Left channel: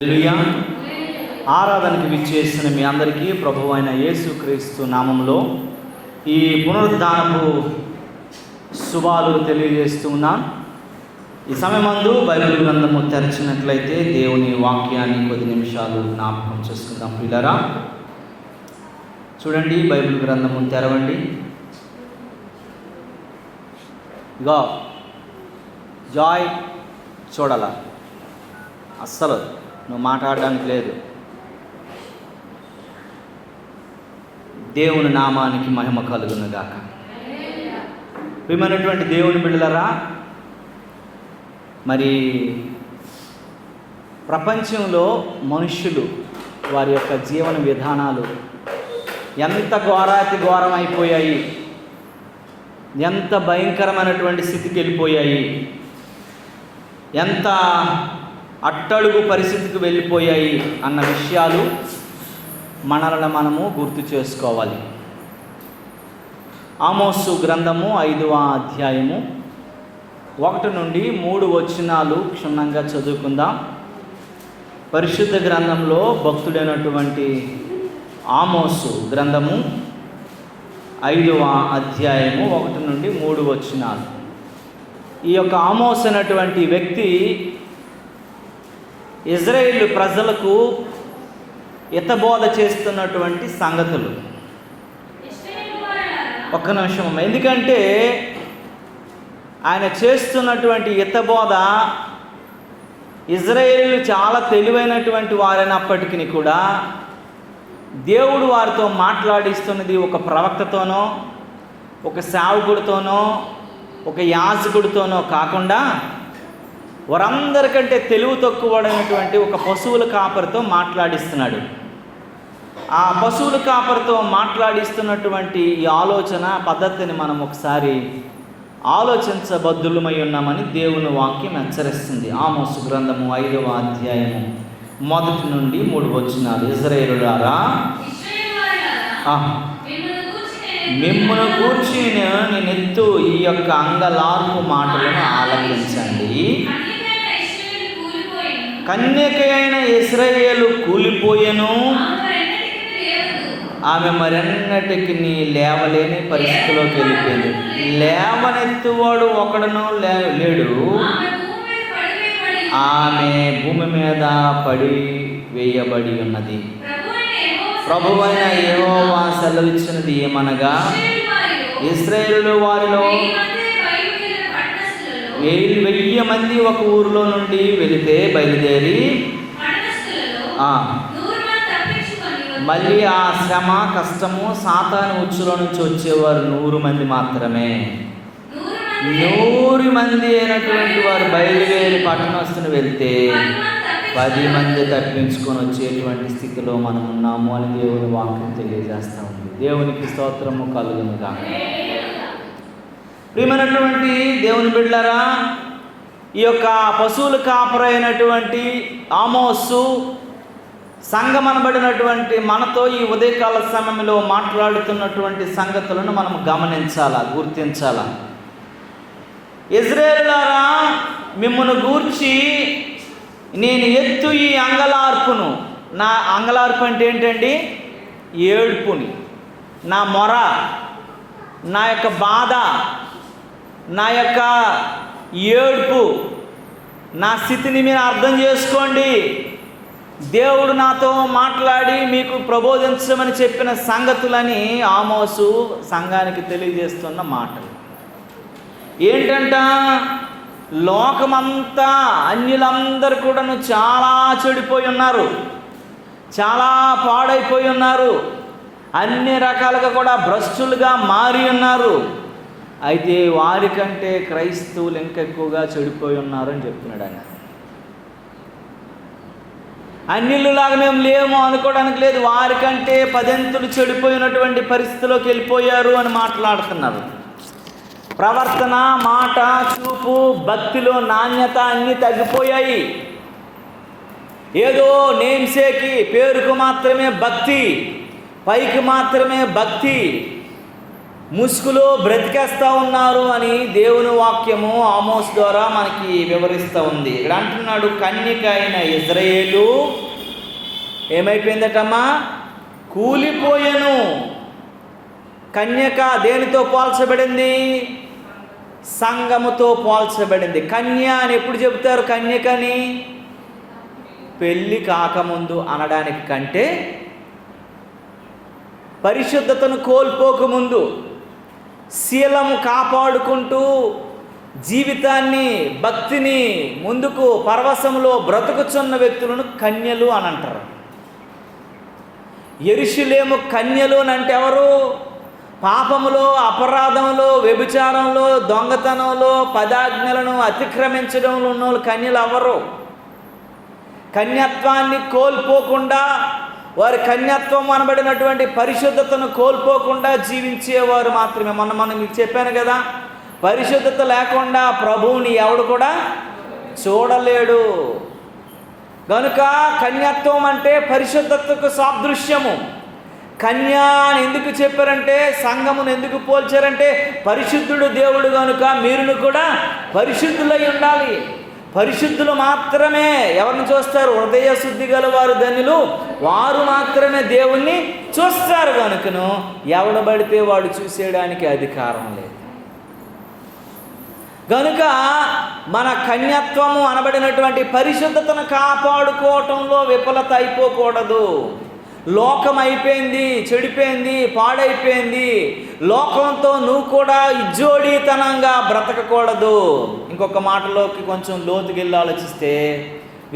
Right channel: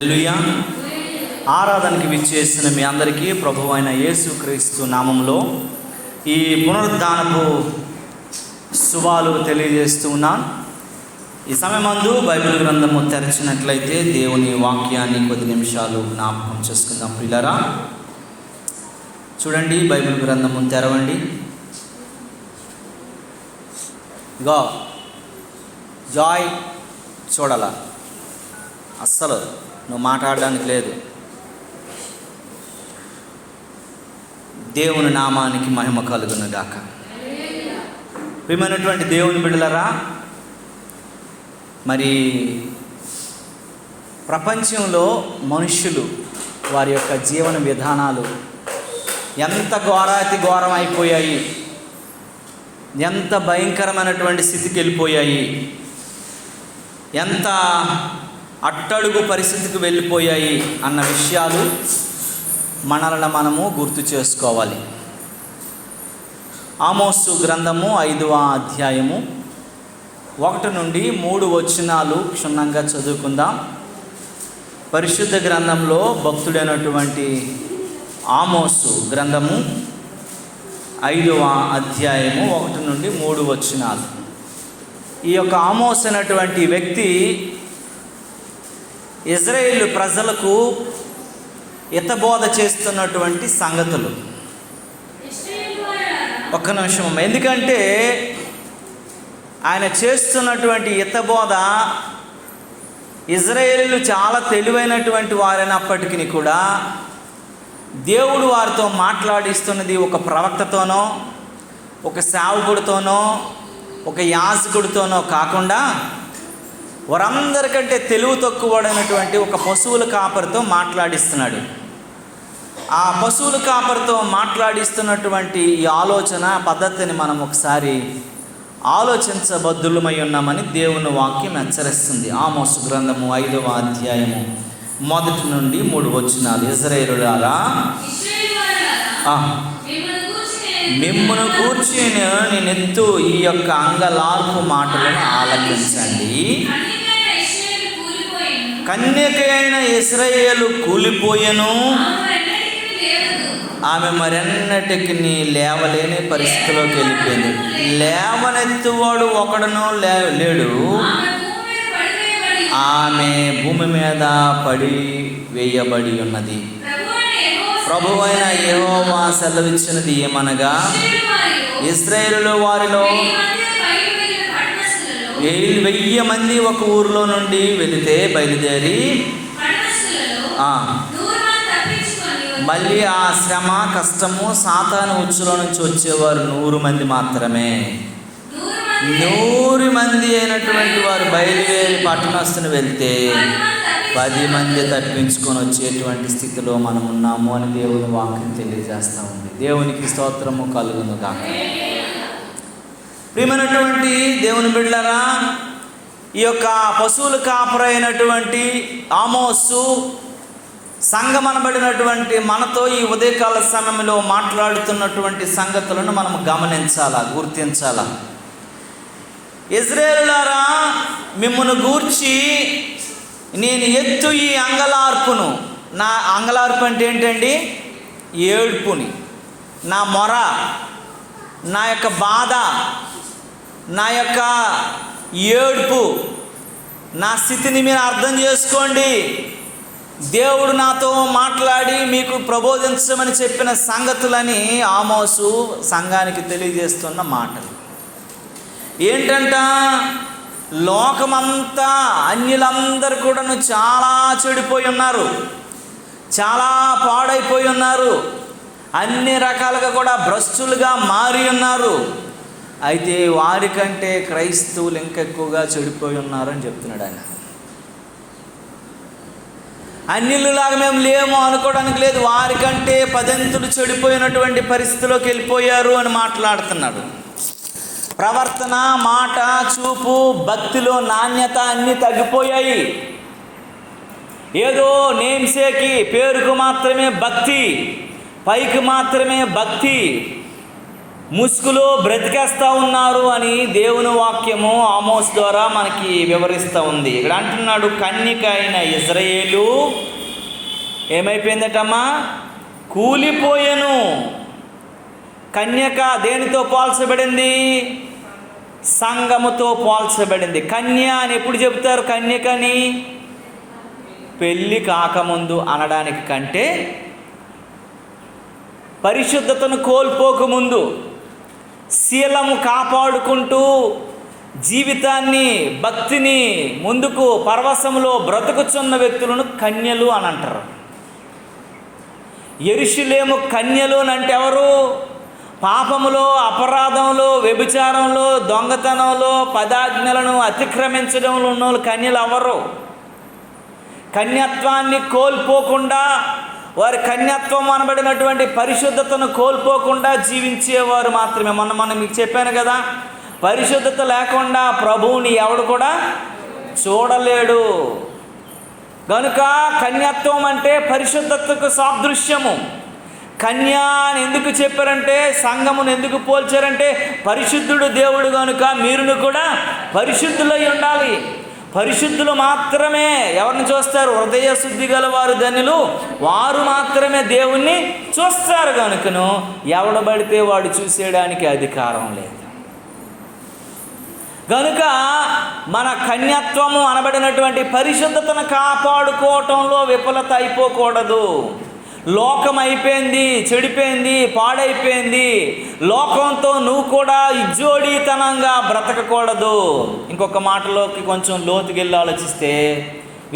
హల్లెలూయా. ఆరాధనకి విచ్చేసిన మీ అందరికీ ప్రభువైన యేసుక్రీస్తు నామంలో ఈ పునరుద్ధానపు శుభాలు తెలియజేస్తూ ఉన్నాను. ఈ సమయమందు బైబిల్ గ్రంథము తెరచినట్లయితే దేవుని వాక్యాన్ని కొద్ది నిమిషాలు జ్ఞాపకం చేసుకుందాం. ప్రియులారా, చూడండి, బైబిల్ గ్రంథము తెరవండి. ఇగో జాయ్ చూడాల, అస్సలు నువ్వు మాట్లాడడానికి లేదు. దేవుని నామానికి మహిమ కలుగును గాక. ప్రియమైనటువంటి దేవుని బిడ్డలారా, మరి ప్రపంచంలో మనుష్యులు వారి యొక్క జీవన విధానాలు ఎంత ఘోరాతి ఘోరం అయిపోయాయి, ఎంత భయంకరమైనటువంటి స్థితికి వెళ్ళిపోయాయి, ఎంత అట్టడుగు పరిస్థితికి వెళ్ళిపోయాయి అన్న విషయాలు మనల్ని మనము గుర్తు చేసుకోవాలి. ఆమోసు గ్రంథము 5వ అధ్యాయము 1 నుండి 3 వచనాలు క్షుణ్ణంగా చదువుకుందాం. పరిశుద్ధ గ్రంథంలో భక్తుడైనటువంటి ఆమోసు గ్రంథము 5వ అధ్యాయము 1 నుండి 3 వచనాలు. ఈ యొక్క ఆమోసు అనేటువంటి వ్యక్తి ఇజ్రాయేలు ప్రజలకు హితబోధ చేస్తున్నటువంటి సంగతులు. ఒక్క నిమిషం, ఎందుకంటే ఆయన చేస్తున్నటువంటి హితబోధ ఇజ్రాయేలీలు చాలా తెలివైనటువంటి వారైనప్పటికీ కూడా దేవుడు వారితో మాట్లాడిస్తున్నది ఒక ప్రవక్తతోనో, ఒక సేవకుడితోనో, ఒక యాజకుడితోనో కాకుండా వారందరికంటే తెలివి తక్కువడైనటువంటి ఒక పశువుల కాపరితో మాట్లాడిస్తున్నాడు. ఆ పశువుల కాపరితో మాట్లాడిస్తున్నటువంటి ఈ ఆలోచన పద్ధతిని మనం ఒకసారి ఆలోచించబద్దులమై ఉన్నామని దేవుని వాక్యం హెచ్చరిస్తుంది. ఆమోసు గ్రంథము 5వ అధ్యాయము 1 నుండి 3 వచనాలు. ఇశ్రాయేలులారా, మిమ్మును గూర్చి నేనెత్తు ఈ యొక్క అంగలార్పు మాటలను ఆలకించండి. కన్యకైన ఇశ్రాయేలు కూలిపోయెను, ఆమె మరెన్నటికి లేవలేని పరిస్థితిలోకి వెళ్ళిపోయింది. లేవనెత్తువాడు ఒకడును లేడు, ఆమె భూమి మీద పడి వేయబడి ఉన్నది. ప్రభువైన యెహోవా సెలవిచ్చినది ఏమనగా, ఇశ్రాయేలు వారిలో 1000 మంది ఒక ఊరిలో నుండి బయలుదేరి మళ్ళీ ఆ శ్రమ కష్టము సాతాను ఉచ్చుల నుంచి వచ్చేవారు 100 మంది మాత్రమే. 100 మంది అయినటువంటి వారు బయలుదేరి పట్టణస్తుని వెళ్తే 10 మంది తప్పించుకొని వచ్చేటువంటి స్థితిలో మనం ఉన్నాము అని దేవుని వాక్యం తెలియజేస్తూ ఉంది. దేవునికి స్తోత్రము కలుగును గాక. ప్రియమైనటువంటి దేవుని బిడ్డలారా, ఈ యొక్క పశువుల కాపరి అయినటువంటి ఆమోసు సంఘమనబడినటువంటి మనతో ఈ ఉదయకాల సమయంలో మాట్లాడుతున్నటువంటి సంగతులను మనం గమనించాలా, గుర్తించాలా. ఇశ్రాయేలులారా, మిమ్మును గూర్చి నేను ఎత్తు ఈ అంగలార్పును. నా అంగలార్పు అంటే ఏంటండి? ఏడుపుని, నా మొర, నా యొక్క బాధ, నా యొక్క ఏడుపు, నా స్థితిని మీరు అర్థం చేసుకోండి. దేవుడు నాతో మాట్లాడి మీకు ప్రబోధించమని చెప్పిన సంగతులని ఆమోసు సంఘానికి తెలియజేస్తున్న మాటలు ఏంటంట? లోకమంతా అన్యులందరూ కూడాను చాలా చెడిపోయి ఉన్నారు, చాలా పాడైపోయి ఉన్నారు, అన్ని రకాలుగా కూడా భ్రష్టులుగా మారి ఉన్నారు. అయితే వారికంటే క్రైస్తవులు ఇంకా ఎక్కువగా చెడిపోయి ఉన్నారని చెప్తున్నాడు ఆయన. అన్యులలాగా మేము లేము అనుకోవడానికి లేదు, వారికంటే 10 చెడిపోయినటువంటి పరిస్థితిలోకి వెళ్ళిపోయారు అని మాట్లాడుతున్నారు. ప్రవర్తన, మాట, చూపు, భక్తిలో నాణ్యత అన్నీ తగ్గిపోయాయి. ఏదో నేమ్సేకి, పేరుకు మాత్రమే భక్తి, పైకి మాత్రమే భక్తి, ముసుగులో బ్రతికేస్తూ ఉన్నారు అని దేవుని వాక్యము ఆమోస్ ద్వారా మనకి వివరిస్తూ ఉంది. ఇక్కడ అంటున్నాడు, కన్యక అయిన ఇజ్రాయేలు ఏమైపోయిందటమ్మా? కూలిపోయెను. కన్యక దేనితో పోల్చబడింది? సంఘముతో పోల్చబడింది. కన్య అని ఎప్పుడు చెబుతారు? కన్యకని పెళ్ళి కాకముందు అనడానికి కంటే పరిశుద్ధతను కోల్పోకముందు శీలము కాపాడుకుంటూ జీవితాన్ని, భక్తిని ముందుకు పరవశములో బ్రతుకుచున్న వ్యక్తులను కన్యలు అని అంటారు. యెరూషలేము కన్యలు అని అంటే ఎవరు? పాపములో, అపరాధములో, వ్యభిచారంలో, దొంగతనంలో, పదాజ్ఞలను అతిక్రమించడంలో ఉన్న వాళ్ళు కన్యలు ఎవరు? కన్యత్వాన్ని కోల్పోకుండా, వారి కన్యత్వం అనబడినటువంటి పరిశుద్ధతను కోల్పోకుండా జీవించేవారు మాత్రమే. మొన్న మీకు చెప్పాను కదా, పరిశుద్ధత లేకుండా ప్రభువుని ఎవడు కూడా చూడలేడు. కనుక కన్యత్వం అంటే పరిశుద్ధతకు సాదృశ్యము. కన్య అని ఎందుకు చెప్పారంటే, సంఘమును ఎందుకు పోల్చారంటే, పరిశుద్ధుడు దేవుడు కనుక మీరును కూడా పరిశుద్ధులై ఉండాలి. పరిశుద్ధులు మాత్రమే ఎవరిని చూస్తారు? హృదయ శుద్ధి గల వారు ధన్యులు, వారు మాత్రమే దేవుణ్ణి చూస్తారు. కనుకను ఎవడబడితే వాడు చూసేయడానికి అధికారం లేదు. కనుక మన కన్యత్వము అనబడినటువంటి పరిశుద్ధతను కాపాడుకోవటంలో విఫలత అయిపోకూడదు. లోకం అయిపోయింది, చెడిపోయింది, పాడైపోయింది. లోకంతో నువ్వు కూడా ఇజ్జోడీతనంగా బ్రతకకూడదు. ఇంకొక మాటలోకి కొంచెం లోతుకెళ్ళి ఆలోచిస్తే,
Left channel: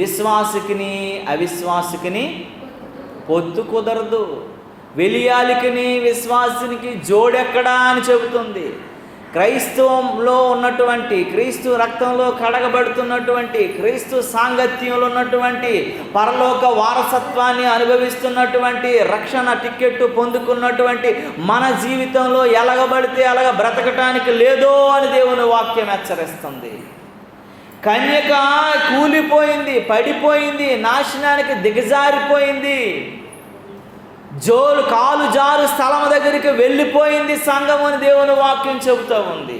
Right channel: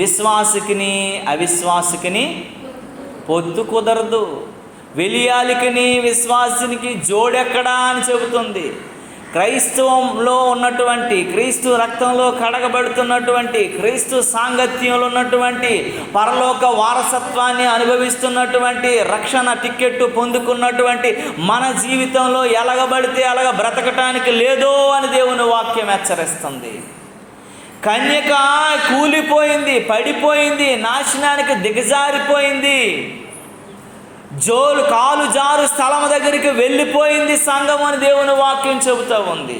విశ్వాసికిని అవిశ్వాసికిని పొత్తు కుదరదు. వెలియాలికిని విశ్వాసినికి జోడెక్కడా అని చెబుతుంది. క్రైస్తవంలో ఉన్నటువంటి, క్రీస్తు రక్తంలో కడగబడుతున్నటువంటి, క్రీస్తు సాంగత్యంలో ఉన్నటువంటి, పరలోక వారసత్వాన్ని అనుభవిస్తున్నటువంటి, రక్షణ టిక్కెట్టు పొందుకున్నటువంటి మన జీవితంలో ఎలగబడితే అలాగ బ్రతకటానికి లేదో అని దేవుని వాక్యం హెచ్చరిస్తుంది. కన్యక కూలిపోయింది, పడిపోయింది, నాశనానికి దిగజారిపోయింది, కాలు జారు స్థలం దగ్గరికి వెళ్ళిపోయింది సంఘము అని దేవుని వాక్యం చెబుతూ ఉంది.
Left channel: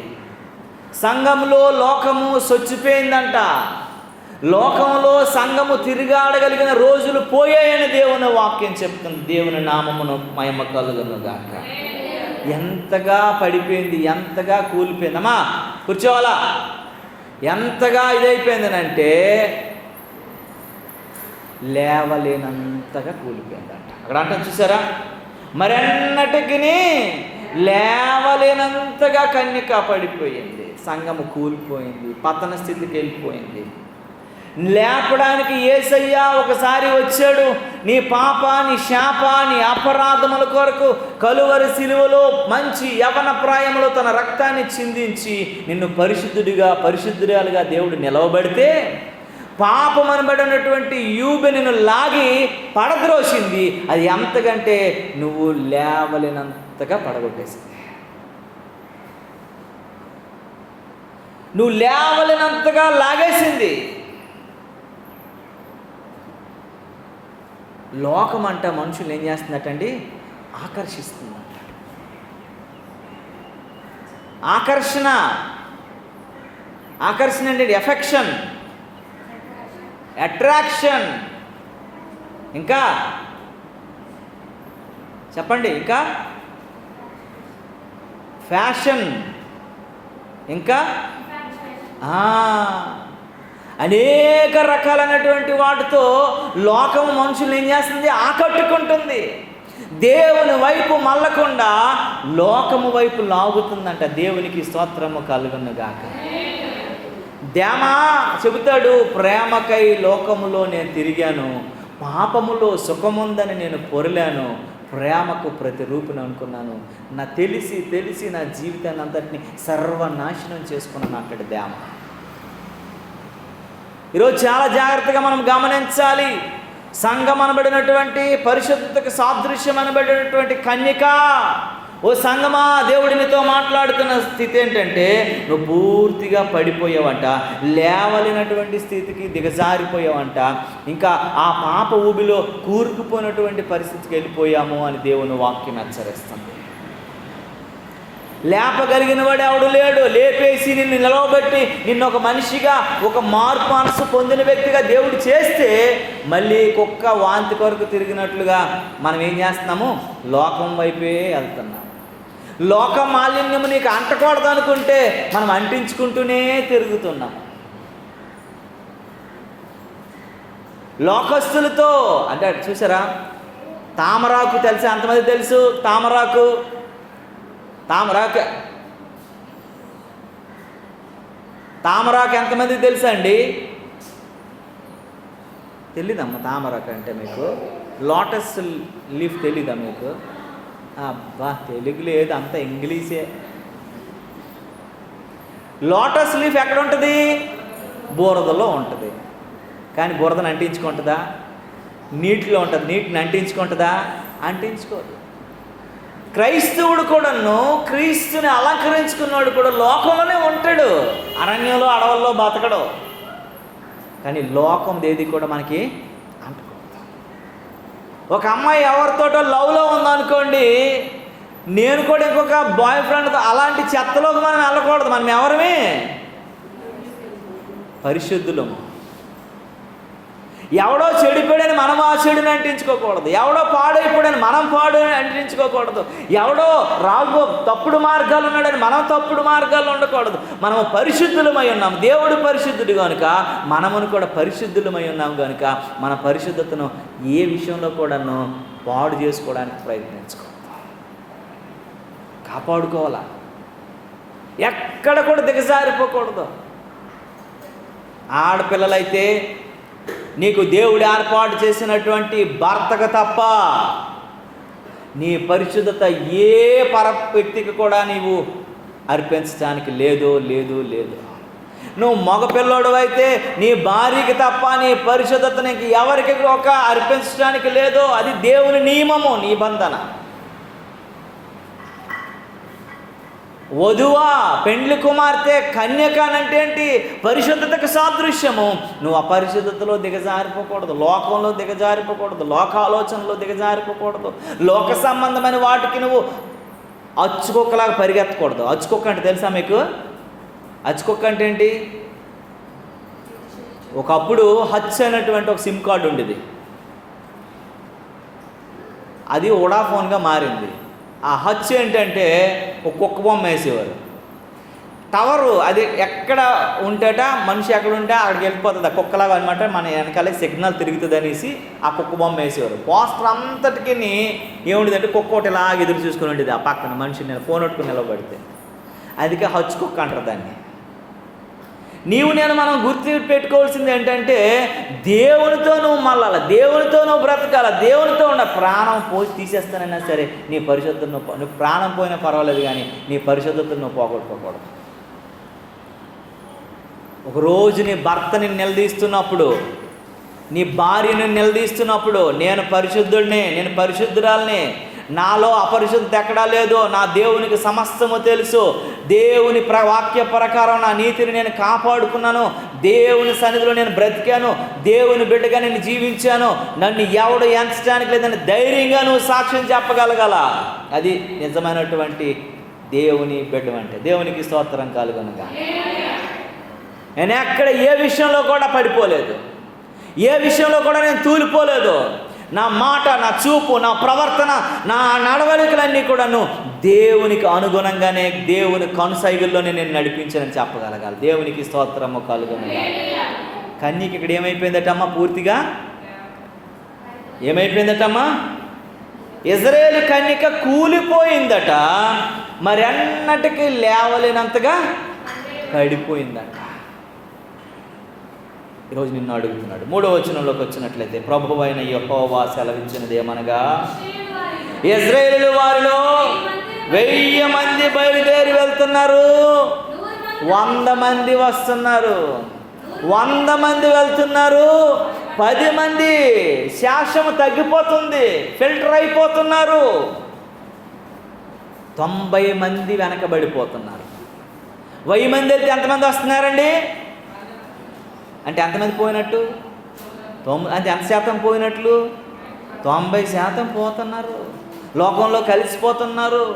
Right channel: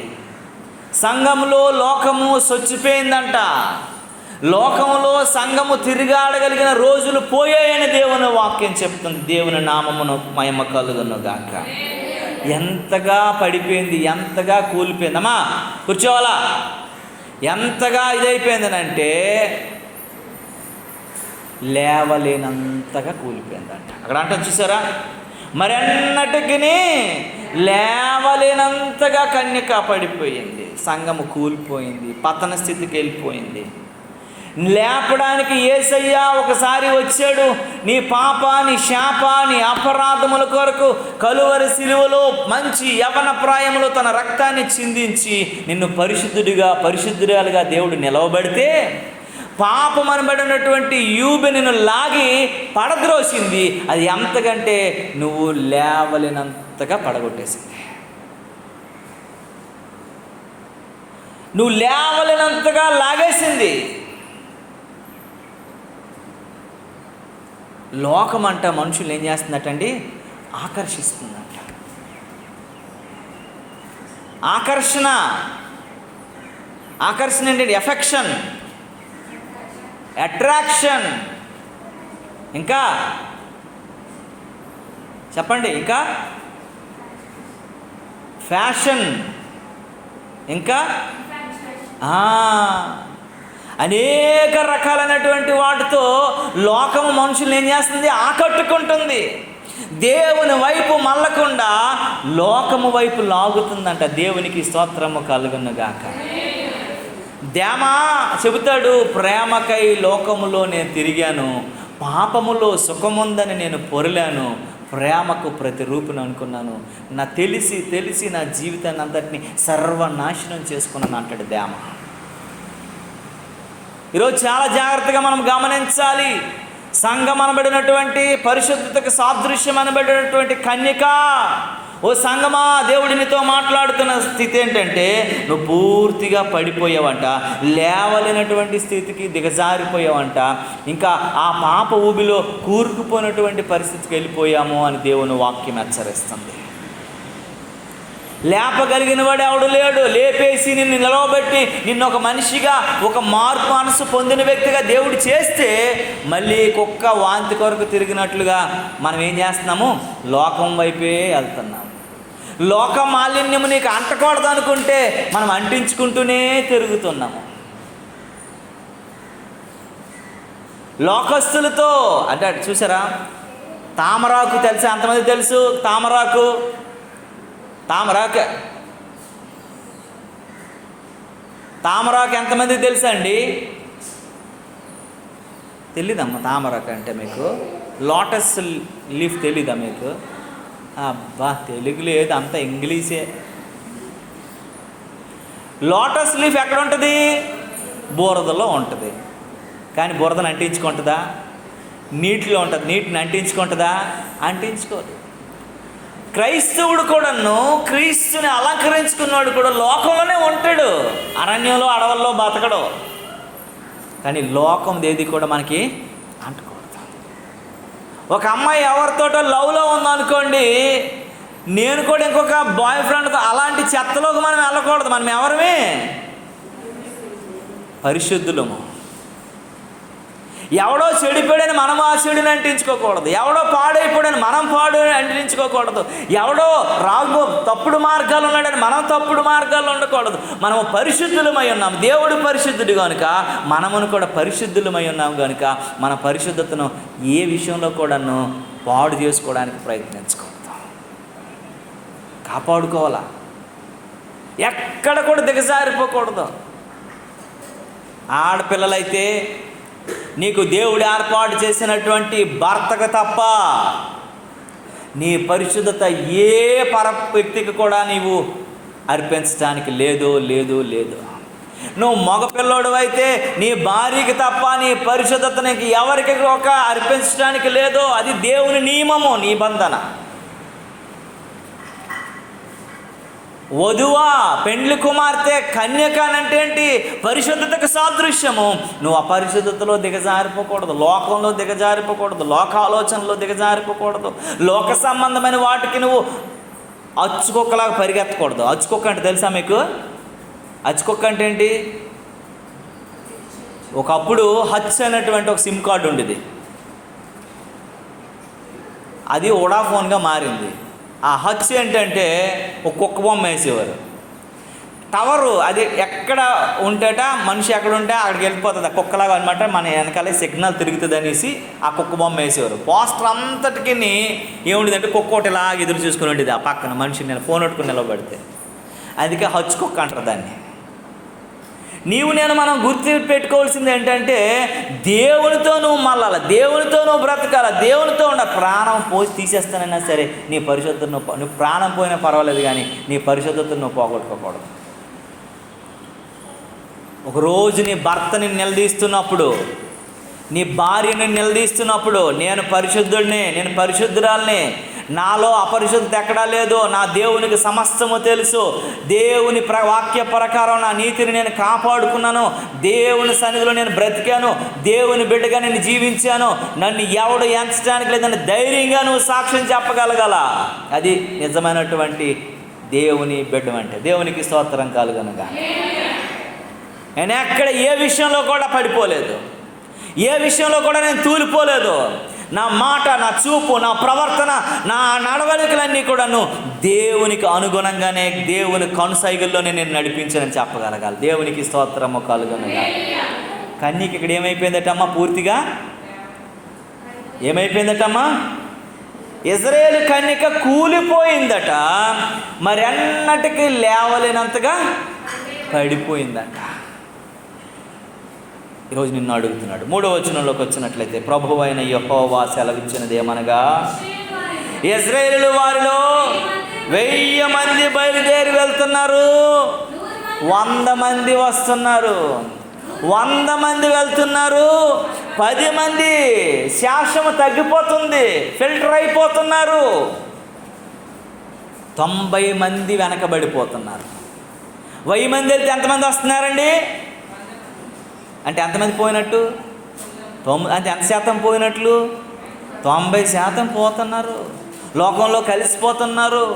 సంఘంలో లోకము చొచ్చిపోయిందంట. లోకంలో సంఘము తిరిగాడగలిగిన రోజులు పోయాయని దేవుని వాక్యం చెప్తుంది. దేవుని నామమును మహిమ కలుగును గాక. ఎంతగా పడిపోయింది, ఎంతగా కూలిపోయిందమ్మా, కూర్చోవాలా, ఎంతగా ఇదైపోయిందనంటే లేవలేనంతగా కూలిపోయిందంట. అక్కడ అంటాం చూసారా, మరెన్నటికి లేవలేనంతగా కన్యక పడిపోయింది. సంఘము కూలిపోయింది, పతన స్థితికి వెళ్ళిపోయింది. లేపడానికి యేసయ్య ఒకసారి వచ్చాడు. నీ పాప, నీ శాప, నీ అపరాధముల కొరకు కలువరి సిలువలో మంచి యవన ప్రాయంలో తన రక్తాన్ని చిందించి నిన్ను పరిశుద్ధురాలుగా దేవుడు నిలవబడితే, పాపం అనబడినటువంటి యూబె నిన్ను లాగి పడద్రోసింది. అది ఎంతకంటే నువ్వు లేవలేనంతగా పడగొట్టేసింది. నువ్వు లేవలేనంతగా లాగేసింది. లోకం అంట మనుషులు ఏం చేస్తుందటండి? ఆకర్షిస్తుందంట. ఆకర్షణ ఏంటంటే ఎఫెక్షన్, అట్రాక్షన్, ఇంకా చెప్పండి, ఇంకా ఫ్యాషన్, ఇంకా అనేక రకాలైనటువంటి వాటితో లోకం మనుషులు ఏం చేస్తుంది? ఆకట్టుకుంటుంది. దేవుని వైపు మళ్ళకుండా లోకము వైపు లాగుతుందంట. దేవునికి స్తోత్రము కలుగును గాక. దేమా చెబుతాడు, ప్రేమకై లోకములో నేను తిరిగాను, పాపములో సుఖముందని నేను పొరలాను, ప్రేమకు ప్రతిరూపును అనుకున్నాను, నా తెలిసి నా జీవితాన్ని అంతటిని సర్వనాశనం చేసుకున్నాను అంటాడు దేమ. ఈరోజు చాలా జాగ్రత్తగా మనం గమనించాలి. సంఘం అనబడినటువంటి పరిశుద్ధతకు సాదృశ్యం అనబడినటువంటి కన్యక, ఓ సంఘమా, దేవుడు నీతో మాట్లాడుతున్న స్థితి ఏంటంటే, నువ్వు పూర్తిగా పడిపోయావంట, లేవలేనటువంటి స్థితికి దిగజారిపోయావంట, ఇంకా ఆ పాప ఊబిలో కూరుకుపోయినటువంటి పరిస్థితికి వెళ్ళిపోయాము అని దేవుని వాక్యం హెచ్చరిస్తుంది. లేపగలిగిన వాడు ఎవడు లేడు. లేపేసి నిన్ను నిలవబెట్టి నిన్ను ఒక మనిషిగా, ఒక మార్పు మనసు పొందిన వ్యక్తిగా దేవుడు చేస్తే మళ్ళీ కుక్క వాంతి కొరకు తిరిగినట్లుగా మనం ఏం చేస్తున్నాము? లోకం వైపే వెళ్తున్నాం. లోక మాలిన్యము నీకు అంటకూడదు అనుకుంటే మనం అంటించుకుంటూనే తిరుగుతున్నాం. లోకస్తులతో అంటే చూసారా, తామరాకు తెలుసా? అంతమంది తెలుసు తామరాకు ఎంతమందికి తెలుసా అండి? తెలీదమ్మా తామరాకు అంటే మీకు? లోటస్ లీఫ్ తెలీదా మీకు? అబ్బా తెలుగు లేదు, అంత ఇంగ్లీషే. లోటస్ లీఫ్ ఎక్కడ ఉంటుంది? బురదలో ఉంటుంది. కానీ బురదను అంటించుకుంటుందా? నీటిలో ఉంటుంది. నీటిని అంటించుకుంటుందా? అంటించుకోదు. క్రైస్తవుడు కూడాను, క్రీస్తుని అలంకరించుకున్నాడు కూడా లోకంలోనే ఉంటాడు. అరణ్యంలో అడవుల్లో బతకడు. కానీ లోకం ఏది కూడా మనకి అంటకూడదు. ఒక అమ్మాయి ఎవరితోటో లవ్లో ఉందనుకోండి, నేను కూడా ఇంకొక బాయ్ ఫ్రెండ్తో అలాంటి చెత్తలోకి మనం వెళ్ళకూడదు. మనం ఎవరమే? పరిశుద్ధులము. ఎవడో చెడిపోయాడని మనం ఆ చెడుని అంటించుకోకూడదు. ఎవడో పాడైపోయాడని మనం పాడు అంటించుకోకూడదు. ఎవడో తప్పుడు మార్గాలు ఉన్నాడని మనం తప్పుడు మార్గాలు ఉండకూడదు. మనం పరిశుద్ధులమై ఉన్నాం. దేవుడు పరిశుద్ధుడు కనుక మనమును కూడా పరిశుద్ధులమై ఉన్నాం కనుక మన పరిశుద్ధతను ఏ విషయంలో కూడాను పాడు చేసుకోవడానికి ప్రయత్నించకూడదు. కాపాడుకోవాలా, ఎక్కడ కూడా దిగజారిపోకూడదు. ఆడపిల్లలైతే నీకు దేవుడు ఏర్పాటు చేసినటువంటి భర్తకు తప్ప నీ పరిశుద్ధత ఏ వ్యక్తికి కూడా నీవు అర్పించడానికి లేదు. నువ్వు మగపిల్లోడు అయితే నీ భార్యకి తప్ప నీ పరిశుద్ధత నీకు ఎవరికి ఒక అర్పించడానికి లేదు. అది దేవుని నియమము, నిబంధన. వధువా, పెండ్లి కుమార్తె, కన్యక అంటే ఏంటి? పరిశుద్ధతకు సాదృశ్యము. నువ్వు అపరిశుద్ధతలో దిగజారిపోకూడదు, లోకంలో దిగజారిపోకూడదు, లోక ఆలోచనలో దిగజారిపోకూడదు, లోక సంబంధమైన వాటికి నువ్వు అచ్చుకొక్కలాగా పరిగెత్తకూడదు. అచ్చుకొక్క అంటే తెలుసా మీకు? అచ్చుకొక్క అంటే ఏంటి? ఒకప్పుడు హచ్ అనేటువంటి ఒక సిమ్ కార్డు ఉండేది. అది వోడాఫోన్గా మారింది. ఆ హచ్ ఏంటంటే ఒక కుక్క బొమ్మ వేసేవారు. టవరు అది ఎక్కడ ఉంటేట మనిషి ఎక్కడ ఉంటే అక్కడికి వెళ్ళిపోతుంది. ఆ కుక్కలాగా అనమాట. మన వెనకాలే సిగ్నల్ తిరుగుతుంది అనేసి ఆ కుక్క బొమ్మ వేసేవారు. పోస్టర్ అంతటికి ఏముండేదంటే కుక్క ఒకటి ఇలా ఎదురు చూసుకుని ఉండేది ఆ పక్కన మనిషిని ఫోన్ పెట్టుకుని నిలబడితే. అందుకే హచ్ కుక్క అంటారు దాన్ని. మనం గుర్తు పెట్టుకోవాల్సింది ఏంటంటే దేవునితో నువ్వు మళ్ళాలి, దేవునితో నువ్వు బ్రతకాలి, దేవునితో ఉన్న ప్రాణం పోసి తీసేస్తానన్నా సరే నీ పరిశుద్ధతను నువ్వు ప్రాణం పోయినా పర్వాలేదు కానీ నీ పరిశుద్ధతను నువ్వు పోగొట్టుకోకూడదు. ఒకరోజు నీ భర్తని నిలదీస్తున్నప్పుడు, నీ భార్యని నిలదీస్తున్నప్పుడు, నేను పరిశుద్ధుడిని, నేను పరిశుద్ధురాల్ని, నాలో అపరిశుద్ధత ఎక్కడా లేదు, నా దేవునికి సమస్తము తెలుసు, దేవుని వాక్య ప్రకారం నా నీతిని నేను కాపాడుకున్నాను, దేవుని సన్నిధిలో నేను బ్రతికాను, దేవుని బిడ్డగా నేను జీవించాను, నన్ను ఎవడు ఎంచడానికి లేదని ధైర్యంగా నువ్వు సాక్ష్యం చెప్పగలగాల. అది నిజమైనటువంటి దేవుని బిడ్డ అంటే. దేవునికి స్తోత్రం కలుగునుగా. నేను ఎక్కడ ఏ విషయంలో కూడా పడిపోలేదు, ఏ విషయంలో కూడా నేను తూలిపోలేదు. నా మాట, నా చూపు, నా ప్రవర్తన, నా నడవడికలన్నీ కూడాను దేవునికి అనుగుణంగానే, దేవుని కనుసైగుల్లోనే నేను నడిపించానని చెప్పగలగాలి. దేవునికి స్తోత్రము కలుగునుగా. కన్యకి ఇక్కడ ఏమైపోయిందటమ్మా? పూర్తిగా ఏమైపోయిందటమ్మా? ఇజ్రాయేలు కన్యక కూలిపోయిందట, మరెన్నటికి లేవలేనంతగా పడిపోయిందట. ఈరోజు నిన్ను అడుగుతున్నాడు. 3వ వచనంలోకి వచ్చినట్లయితే, ప్రభువైన యెహోవా సెలవిచ్చినది ఏమనగా, ఇశ్రాయేలు వారిలో 1000 మంది బయలుదేరి వెళ్తున్నారు, 100 మంది వస్తున్నారు. 100 మంది వెళ్తున్నారు, 10 మంది శాసము తగ్గిపోతుంది, ఫిల్టర్ అయిపోతున్నారు, 90 మంది వెనకబడిపోతున్నారు. 1000 మంది అయితే ఎంతమంది వస్తున్నారండి? అంటే ఎంతమంది పోయినట్టు? అంటే ఎంత శాతం పోయినట్లు? 90% పోతున్నారు, లోకంలో కలిసిపోతున్నారు.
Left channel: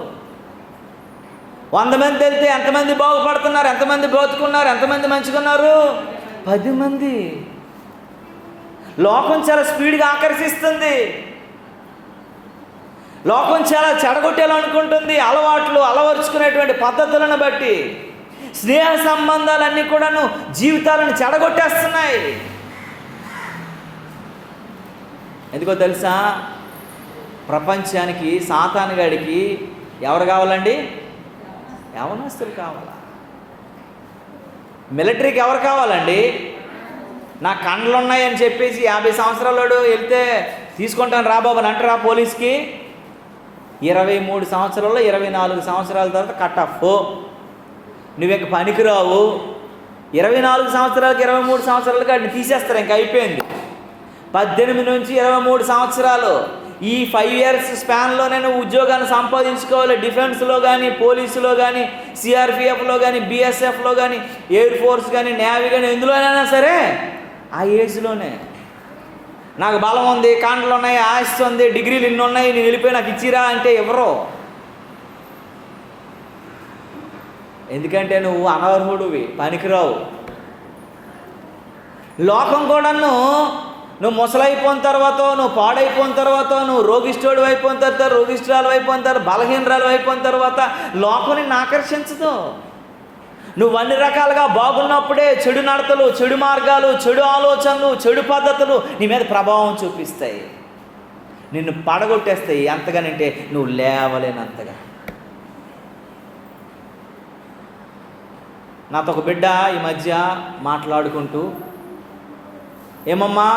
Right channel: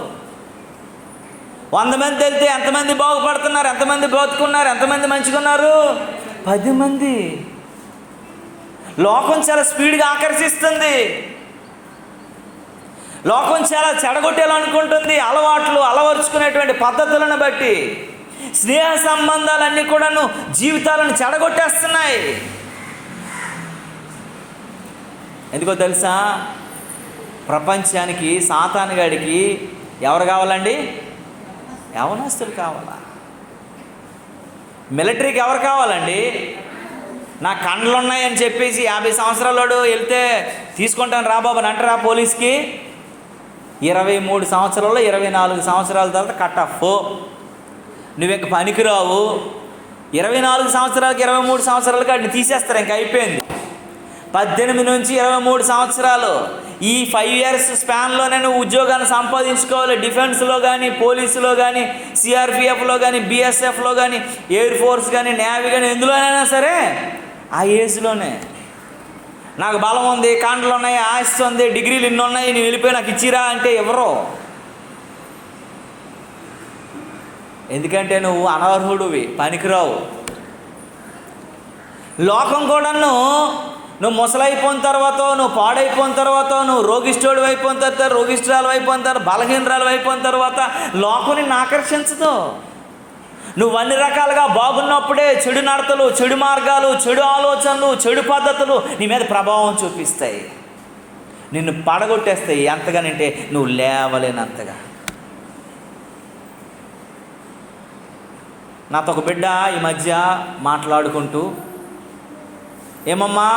100 మంది వెళ్తే ఎంతమంది బాగుపడుతున్నారు, ఎంతమంది బ్రతుకున్నారు, ఎంతమంది మంచిగా ఉన్నారు? 10 మంది. లోకం చాలా స్పీడ్గా ఆకర్షిస్తుంది. లోకం చాలా చెడగొట్టాలనుకుంటుంది. అలవాట్లు అలవరుచుకునేటువంటి పద్ధతులను బట్టి స్నేహ సంబంధాలన్నీ కూడాను జీవితాలను చెడగొట్టేస్తున్నాయి. ఎందుకో తెలుసా? ప్రపంచానికి సాతానుగాడికి ఎవరు కావాలండి? యవనస్తులు కావాలా? మిలిటరీకి ఎవరు కావాలండి? నా కండ్లు ఉన్నాయని చెప్పేసి 50 సంవత్సరాలు వెళ్తే తీసుకుంటాను రా బాబు అని అంటారా పోలీస్కి? 23 సంవత్సరాలు 24 సంవత్సరాల తర్వాత కట్ ఆఫ్. నువ్వు ఇంక పనికిరావు. 24 సంవత్సరాలకి 23 సంవత్సరాలకి వాడిని తీసేస్తారు, ఇంక అయిపోయింది. 18 నుంచి 23 సంవత్సరాలు ఈ 5 ఇయర్స్ స్పాన్లోనే నువ్వు ఉద్యోగాన్ని సంపాదించుకోవాలి. డిఫెన్స్లో కానీ, పోలీసులో కానీ, సిఆర్పిఎఫ్లో కానీ, బిఎస్ఎఫ్లో కానీ, ఎయిర్ ఫోర్స్ కానీ, నేవీ కానీ, ఎందులోనైనా సరే ఆ ఏజ్లోనే. నాకు బలం ఉంది, కాంటలు ఉన్నాయి, ఆస్తి ఉంది, డిగ్రీలు ఇన్ని ఉన్నాయి, నేను వెళ్ళిపోయి నాకు ఇచ్చిరా అంటే ఎవరో. ఎందుకంటే నువ్వు అనర్హుడివి, పనికిరావు. లోకం కూడాను నువ్వు ముసలైపోయిన తర్వాత, నువ్వు పాడైపోయిన తర్వాత, నువ్వు రోగిష్ఠుడు అయిపోయిన తర్వాత, రోగిష్ఠురాలు అయిపోయిన తర్వాత, బలహీనరాలు అయిపోయిన తర్వాత లోకం నిన్ను ఆకర్షించదు. నువ్వు అన్ని రకాలుగా బాగున్నప్పుడే చెడు నడతలు, చెడు మార్గాలు, చెడు ఆలోచనలు, చెడు పద్ధతులు నీ మీద ప్రభావం చూపిస్తాయి, నిన్ను పడగొట్టేస్తాయి. ఎంతగానంటే నువ్వు లేవలేనంతగా. నాతో ఒక బిడ్డ ఈ మధ్య మాట్లాడుకుంటూ, ఏమమ్మా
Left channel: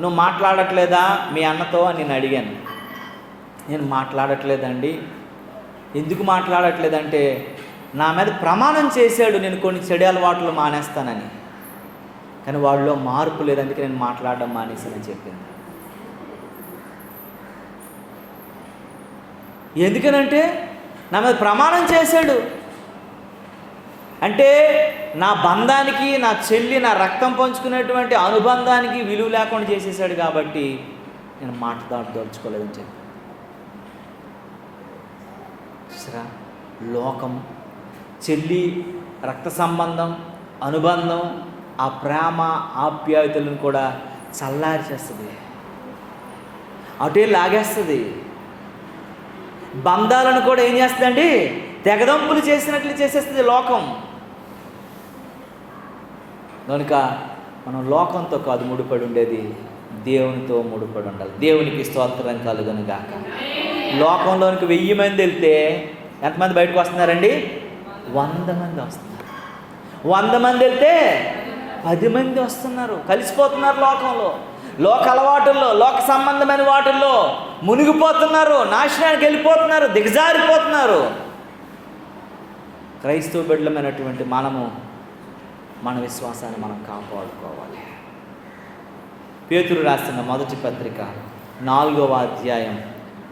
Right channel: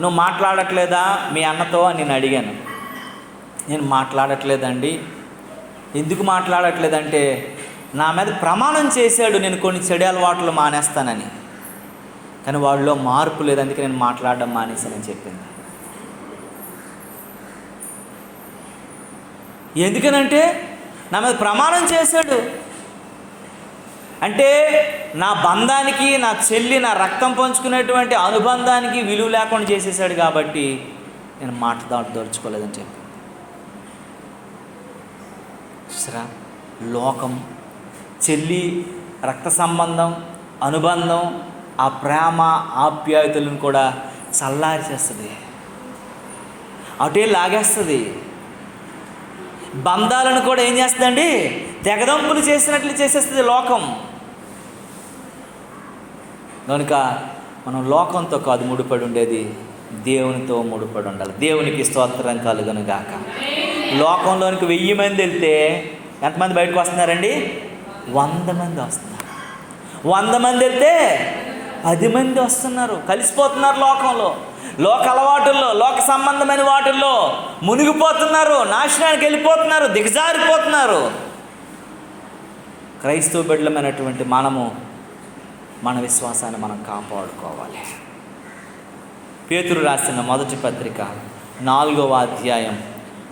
నువ్వు మాట్లాడట్లేదా మీ అన్నతో అని నేను అడిగాను. నేను మాట్లాడట్లేదండి. ఎందుకు మాట్లాడట్లేదంటే నా మీద ప్రమాణం చేశాడు నేను కొన్ని చెడు అలవాట్లు మానేస్తానని, కానీ వాళ్ళలో మార్పు లేదు, అందుకే నేను మాట్లాడడం మానేశానని చెప్పింది. ఎందుకనంటే నా మీద ప్రమాణం చేశాడు. అంటే నా బంధానికి, నా చెల్లి, నా రక్తం పంచుకునేటువంటి అనుబంధానికి విలువ లేకుండా చేసేసాడు కాబట్టి నేను దోచుకోలేదని చెప్పి. చూసారా, లోకం చెల్లి రక్త సంబంధం, అనుబంధం, ఆ ప్రేమ ఆప్యాయతలను కూడా చల్లారి చేస్తుంది, అటే లాగేస్తుంది. బంధాలను కూడా ఏం చేస్తుందండి? తెగదంపులు చేసినట్లు చేసేస్తుంది లోకం. కనుక మనం లోకంతో కాదు ముడిపడి ఉండేది, దేవునితో ముడిపడి ఉండాలి. దేవునికి స్తోత్రం కలుగును గాక. లోకంలోనికి 1000 మంది వెళ్తే ఎంతమంది బయటకు వస్తున్నారండి? 100 మంది వస్తున్నారు. 100 మంది వెళ్తే 10 మంది వస్తున్నారు. కలిసిపోతున్నారు లోకంలో, లోక అలవాటుల్లో, లోక సంబంధమైన వాటిల్లో మునిగిపోతున్నారు, నాశనానికి వెళ్ళిపోతున్నారు, దిగజారిపోతున్నారు. క్రైస్తవ బిడ్డలమైనటువంటి మనము మన విశ్వాసాన్ని మనం కాపాడుకోవాలి. పేతురు రాసిన మొదటి పత్రిక 4వ అధ్యాయం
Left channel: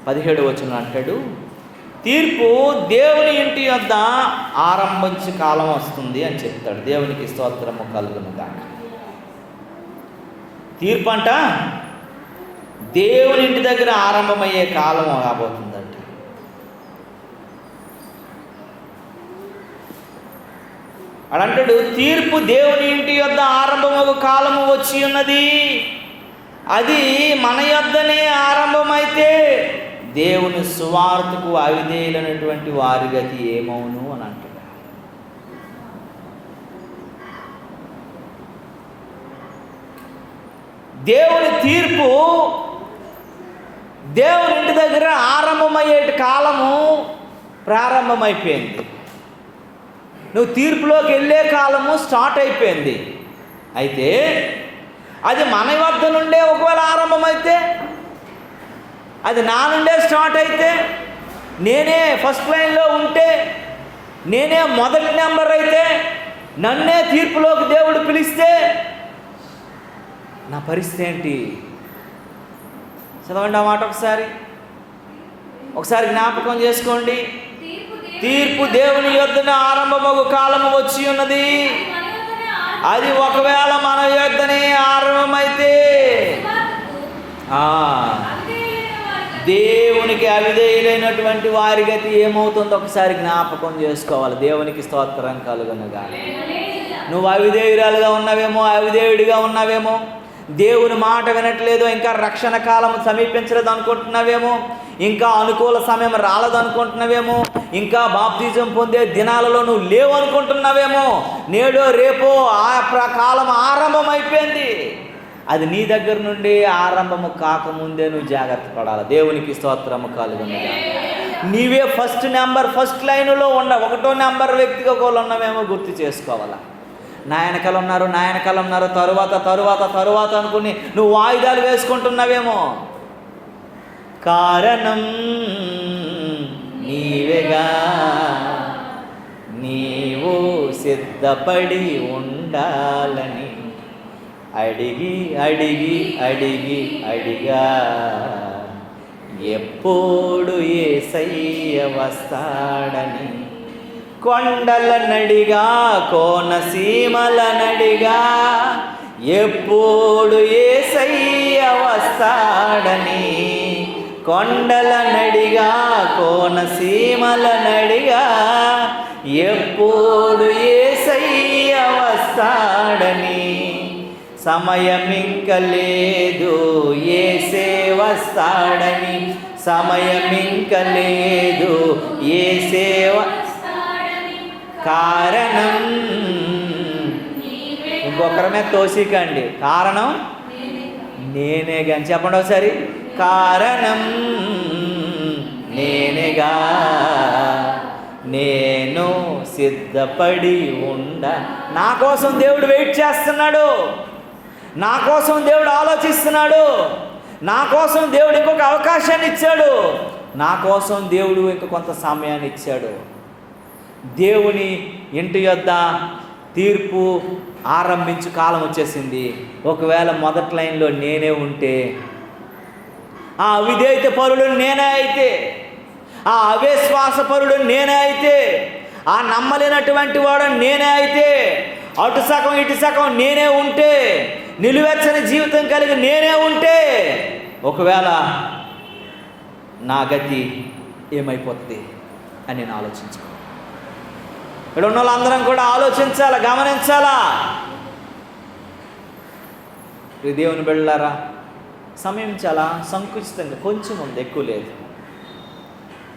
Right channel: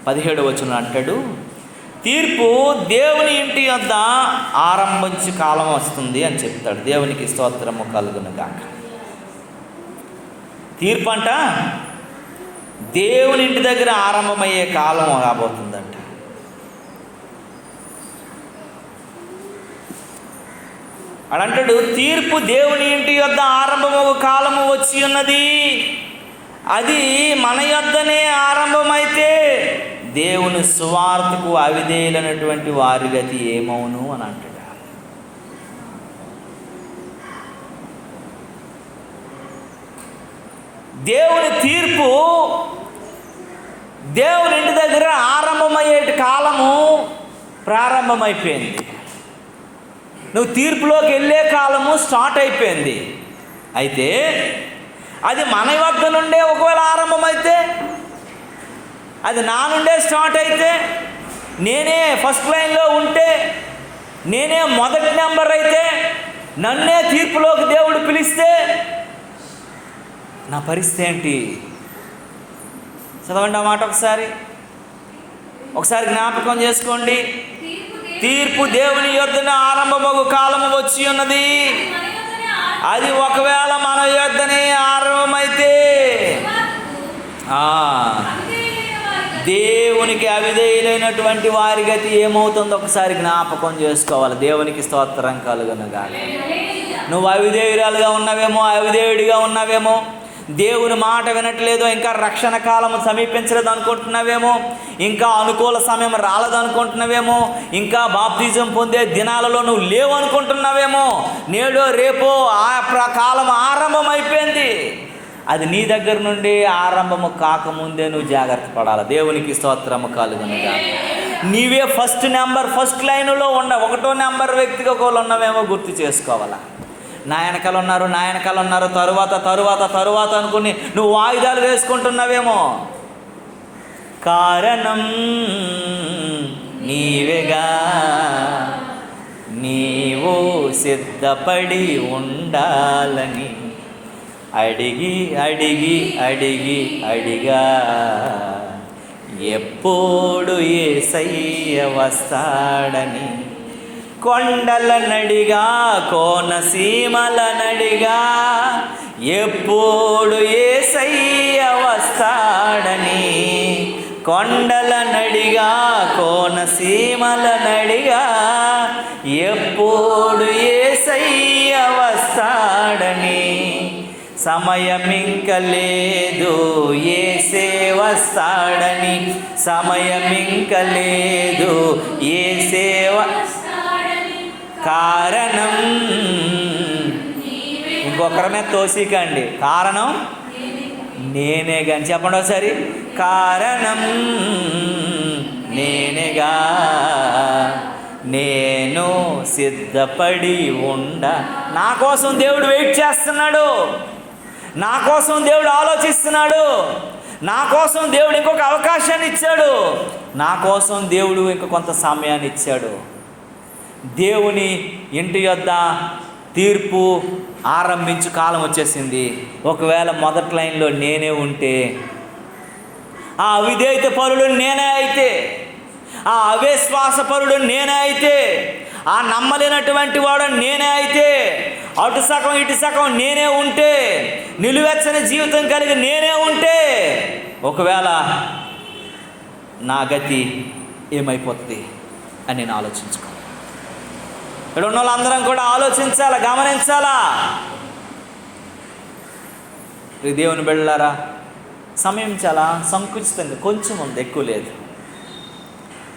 17వ వచనం అంటాడు, తీర్పు దేవుని ఇంటి వద్ద ఆరంభించే కాలం వస్తుంది అని చెప్తాడు. దేవునికి స్తోత్రము కలుగును గాక. తీర్పు అంట దేవుని ఇంటి దగ్గర ఆరంభమయ్యే కాలం రాబోతుందంట. అడంటాడు, తీర్పు దేవుని ఇంటి యొద్ద ఆరంభమగు కాలము వచ్చి ఉన్నది, అది మన యొద్దనే ఆరంభమైతే దేవుని సువార్తకు అవిధేయులైనటువంటి వారి గతి ఏమవును అని అంటాడు. దేవుని తీర్పు దేవుని ఇంటి దగ్గర ఆరంభమయ్యే కాలము ప్రారంభమైపోయింది. నువ్వు తీర్పులోకి వెళ్ళే కాలము స్టార్ట్ అయిపోయింది. అయితే అది మన వద్ద నుండే ఒకవేళ ఆరంభమైతే, అది నా నుండే స్టార్ట్ అయితే, నేనే ఫస్ట్ లైన్లో ఉంటే, నేనే మొదటి నెంబర్ అయితే, నన్నే తీర్పులోకి దేవుడు పిలిస్తే నా పరిస్థితి ఏంటి? చదవండి ఆ మాట ఒకసారి జ్ఞాపకం చేసుకోండి. తీర్పు దేవుని యొద్దనే ఆరంభమగు కాలము వచ్చి ఉన్నది, అది ఒకవేళ మన యొద్దనే ఆరంభమైతే దేవునికి అవిధేయులైనటువంటి వారి గతి ఏమవుతుందో ఒకసారి జ్ఞాపకం చేసుకోవాలి. దేవునికి స్తోత్రం కలుగునుగాక. నువ్వు అవిధేయురాలుగా ఉన్నావేమో, అవిధేయుడిగా ఉన్నావేమో, దేవుని మాట వినట్లేదు, ఇంకా రక్షణ కాలం సమీపించలేదు అనుకుంటున్నావేమో, ఇంకా అనుకూల సమయం రాలేదు అనుకుంటున్నావేమో, ఇంకా బాప్తిజం పొందే దినాలలో నువ్వు లేవు అనుకుంటున్నావేమో, నేడో రేపో ఆ కాలం ఆరంభం అయిపోయింది. అది నీ దగ్గర నుండి ఆరంభము కాకముందే నువ్వు జాగ్రత్త పడాలి. దేవునికి స్తోత్రము కలుగునుగా. నీవే ఫస్ట్ లైన్లో ఒకటో నెంబర్ వ్యక్తిగా ఒకళ్ళు ఉన్నామేమో గుర్తు చేసుకోవాలి. నా వెనకాల ఉన్నారు తరువాత అనుకుని నువ్వు వాయిదాలు వేసుకుంటున్నావేమో. కారణం నీవేగా, నీవు సిద్ధపడి ఉండాలని అడిగా ఎప్పుడు యేసయ్య వస్తాడని, కొండల నడిగా కోనసీమల నడిగా ఎప్పుడు యేసయ్య వస్తాడని, కొండల నడిగా కోనసీమల నడిగా ఎప్పుడు యేసయ్య వస్తాడని, సమయమింక లేదు యేసే వస్తాడని, సమయమింక లేదు యేసే కారణం. ఇంకొకరి మీద తోసికండి, కారణం నేనే కానీ చెప్పండి ఒకసారి. కారణం నేనేగా, నేను సిద్ధపడి నా కోసం దేవుడు వెయిట్ చేస్తున్నాడు, నా కోసం దేవుడు ఆలోచిస్తున్నాడు, నా కోసం దేవుడు ఇంకొక అవకాశాన్ని ఇచ్చాడు, నా కోసం దేవుడు ఇంక కొంత సమయాన్ని ఇచ్చాడు. దేవుని ఇంటి యొద్ద తీర్పు ఆరంభించు కాలం వచ్చేసింది. ఒకవేళ మొదటి లైన్లో నేనే ఉంటే, ఆ అవిధేయత పరుడు నేనే అయితే, ఆ అవిశ్వాస పరుడు నేనే అయితే, ఆ నమ్మలేనటువంటి వాడు నేనే అయితే, అటు సగం ఇటు సగం నేనే ఉంటే, నిలువెచ్చని జీవితం కలిగి నేనే ఉంటే, ఒకవేళ నా గతి ఏమైపోతుంది అని నేను ఆలోచించుకో. ఇక్కడ ఉన్న వాళ్ళందరం కూడా ఆలోచించాలా, గమనించాలా. దేవుని బిడ్డలారా, సమయం చాలా సంకుచితంగా కొంచెం ఉంది, ఎక్కువ లేదు.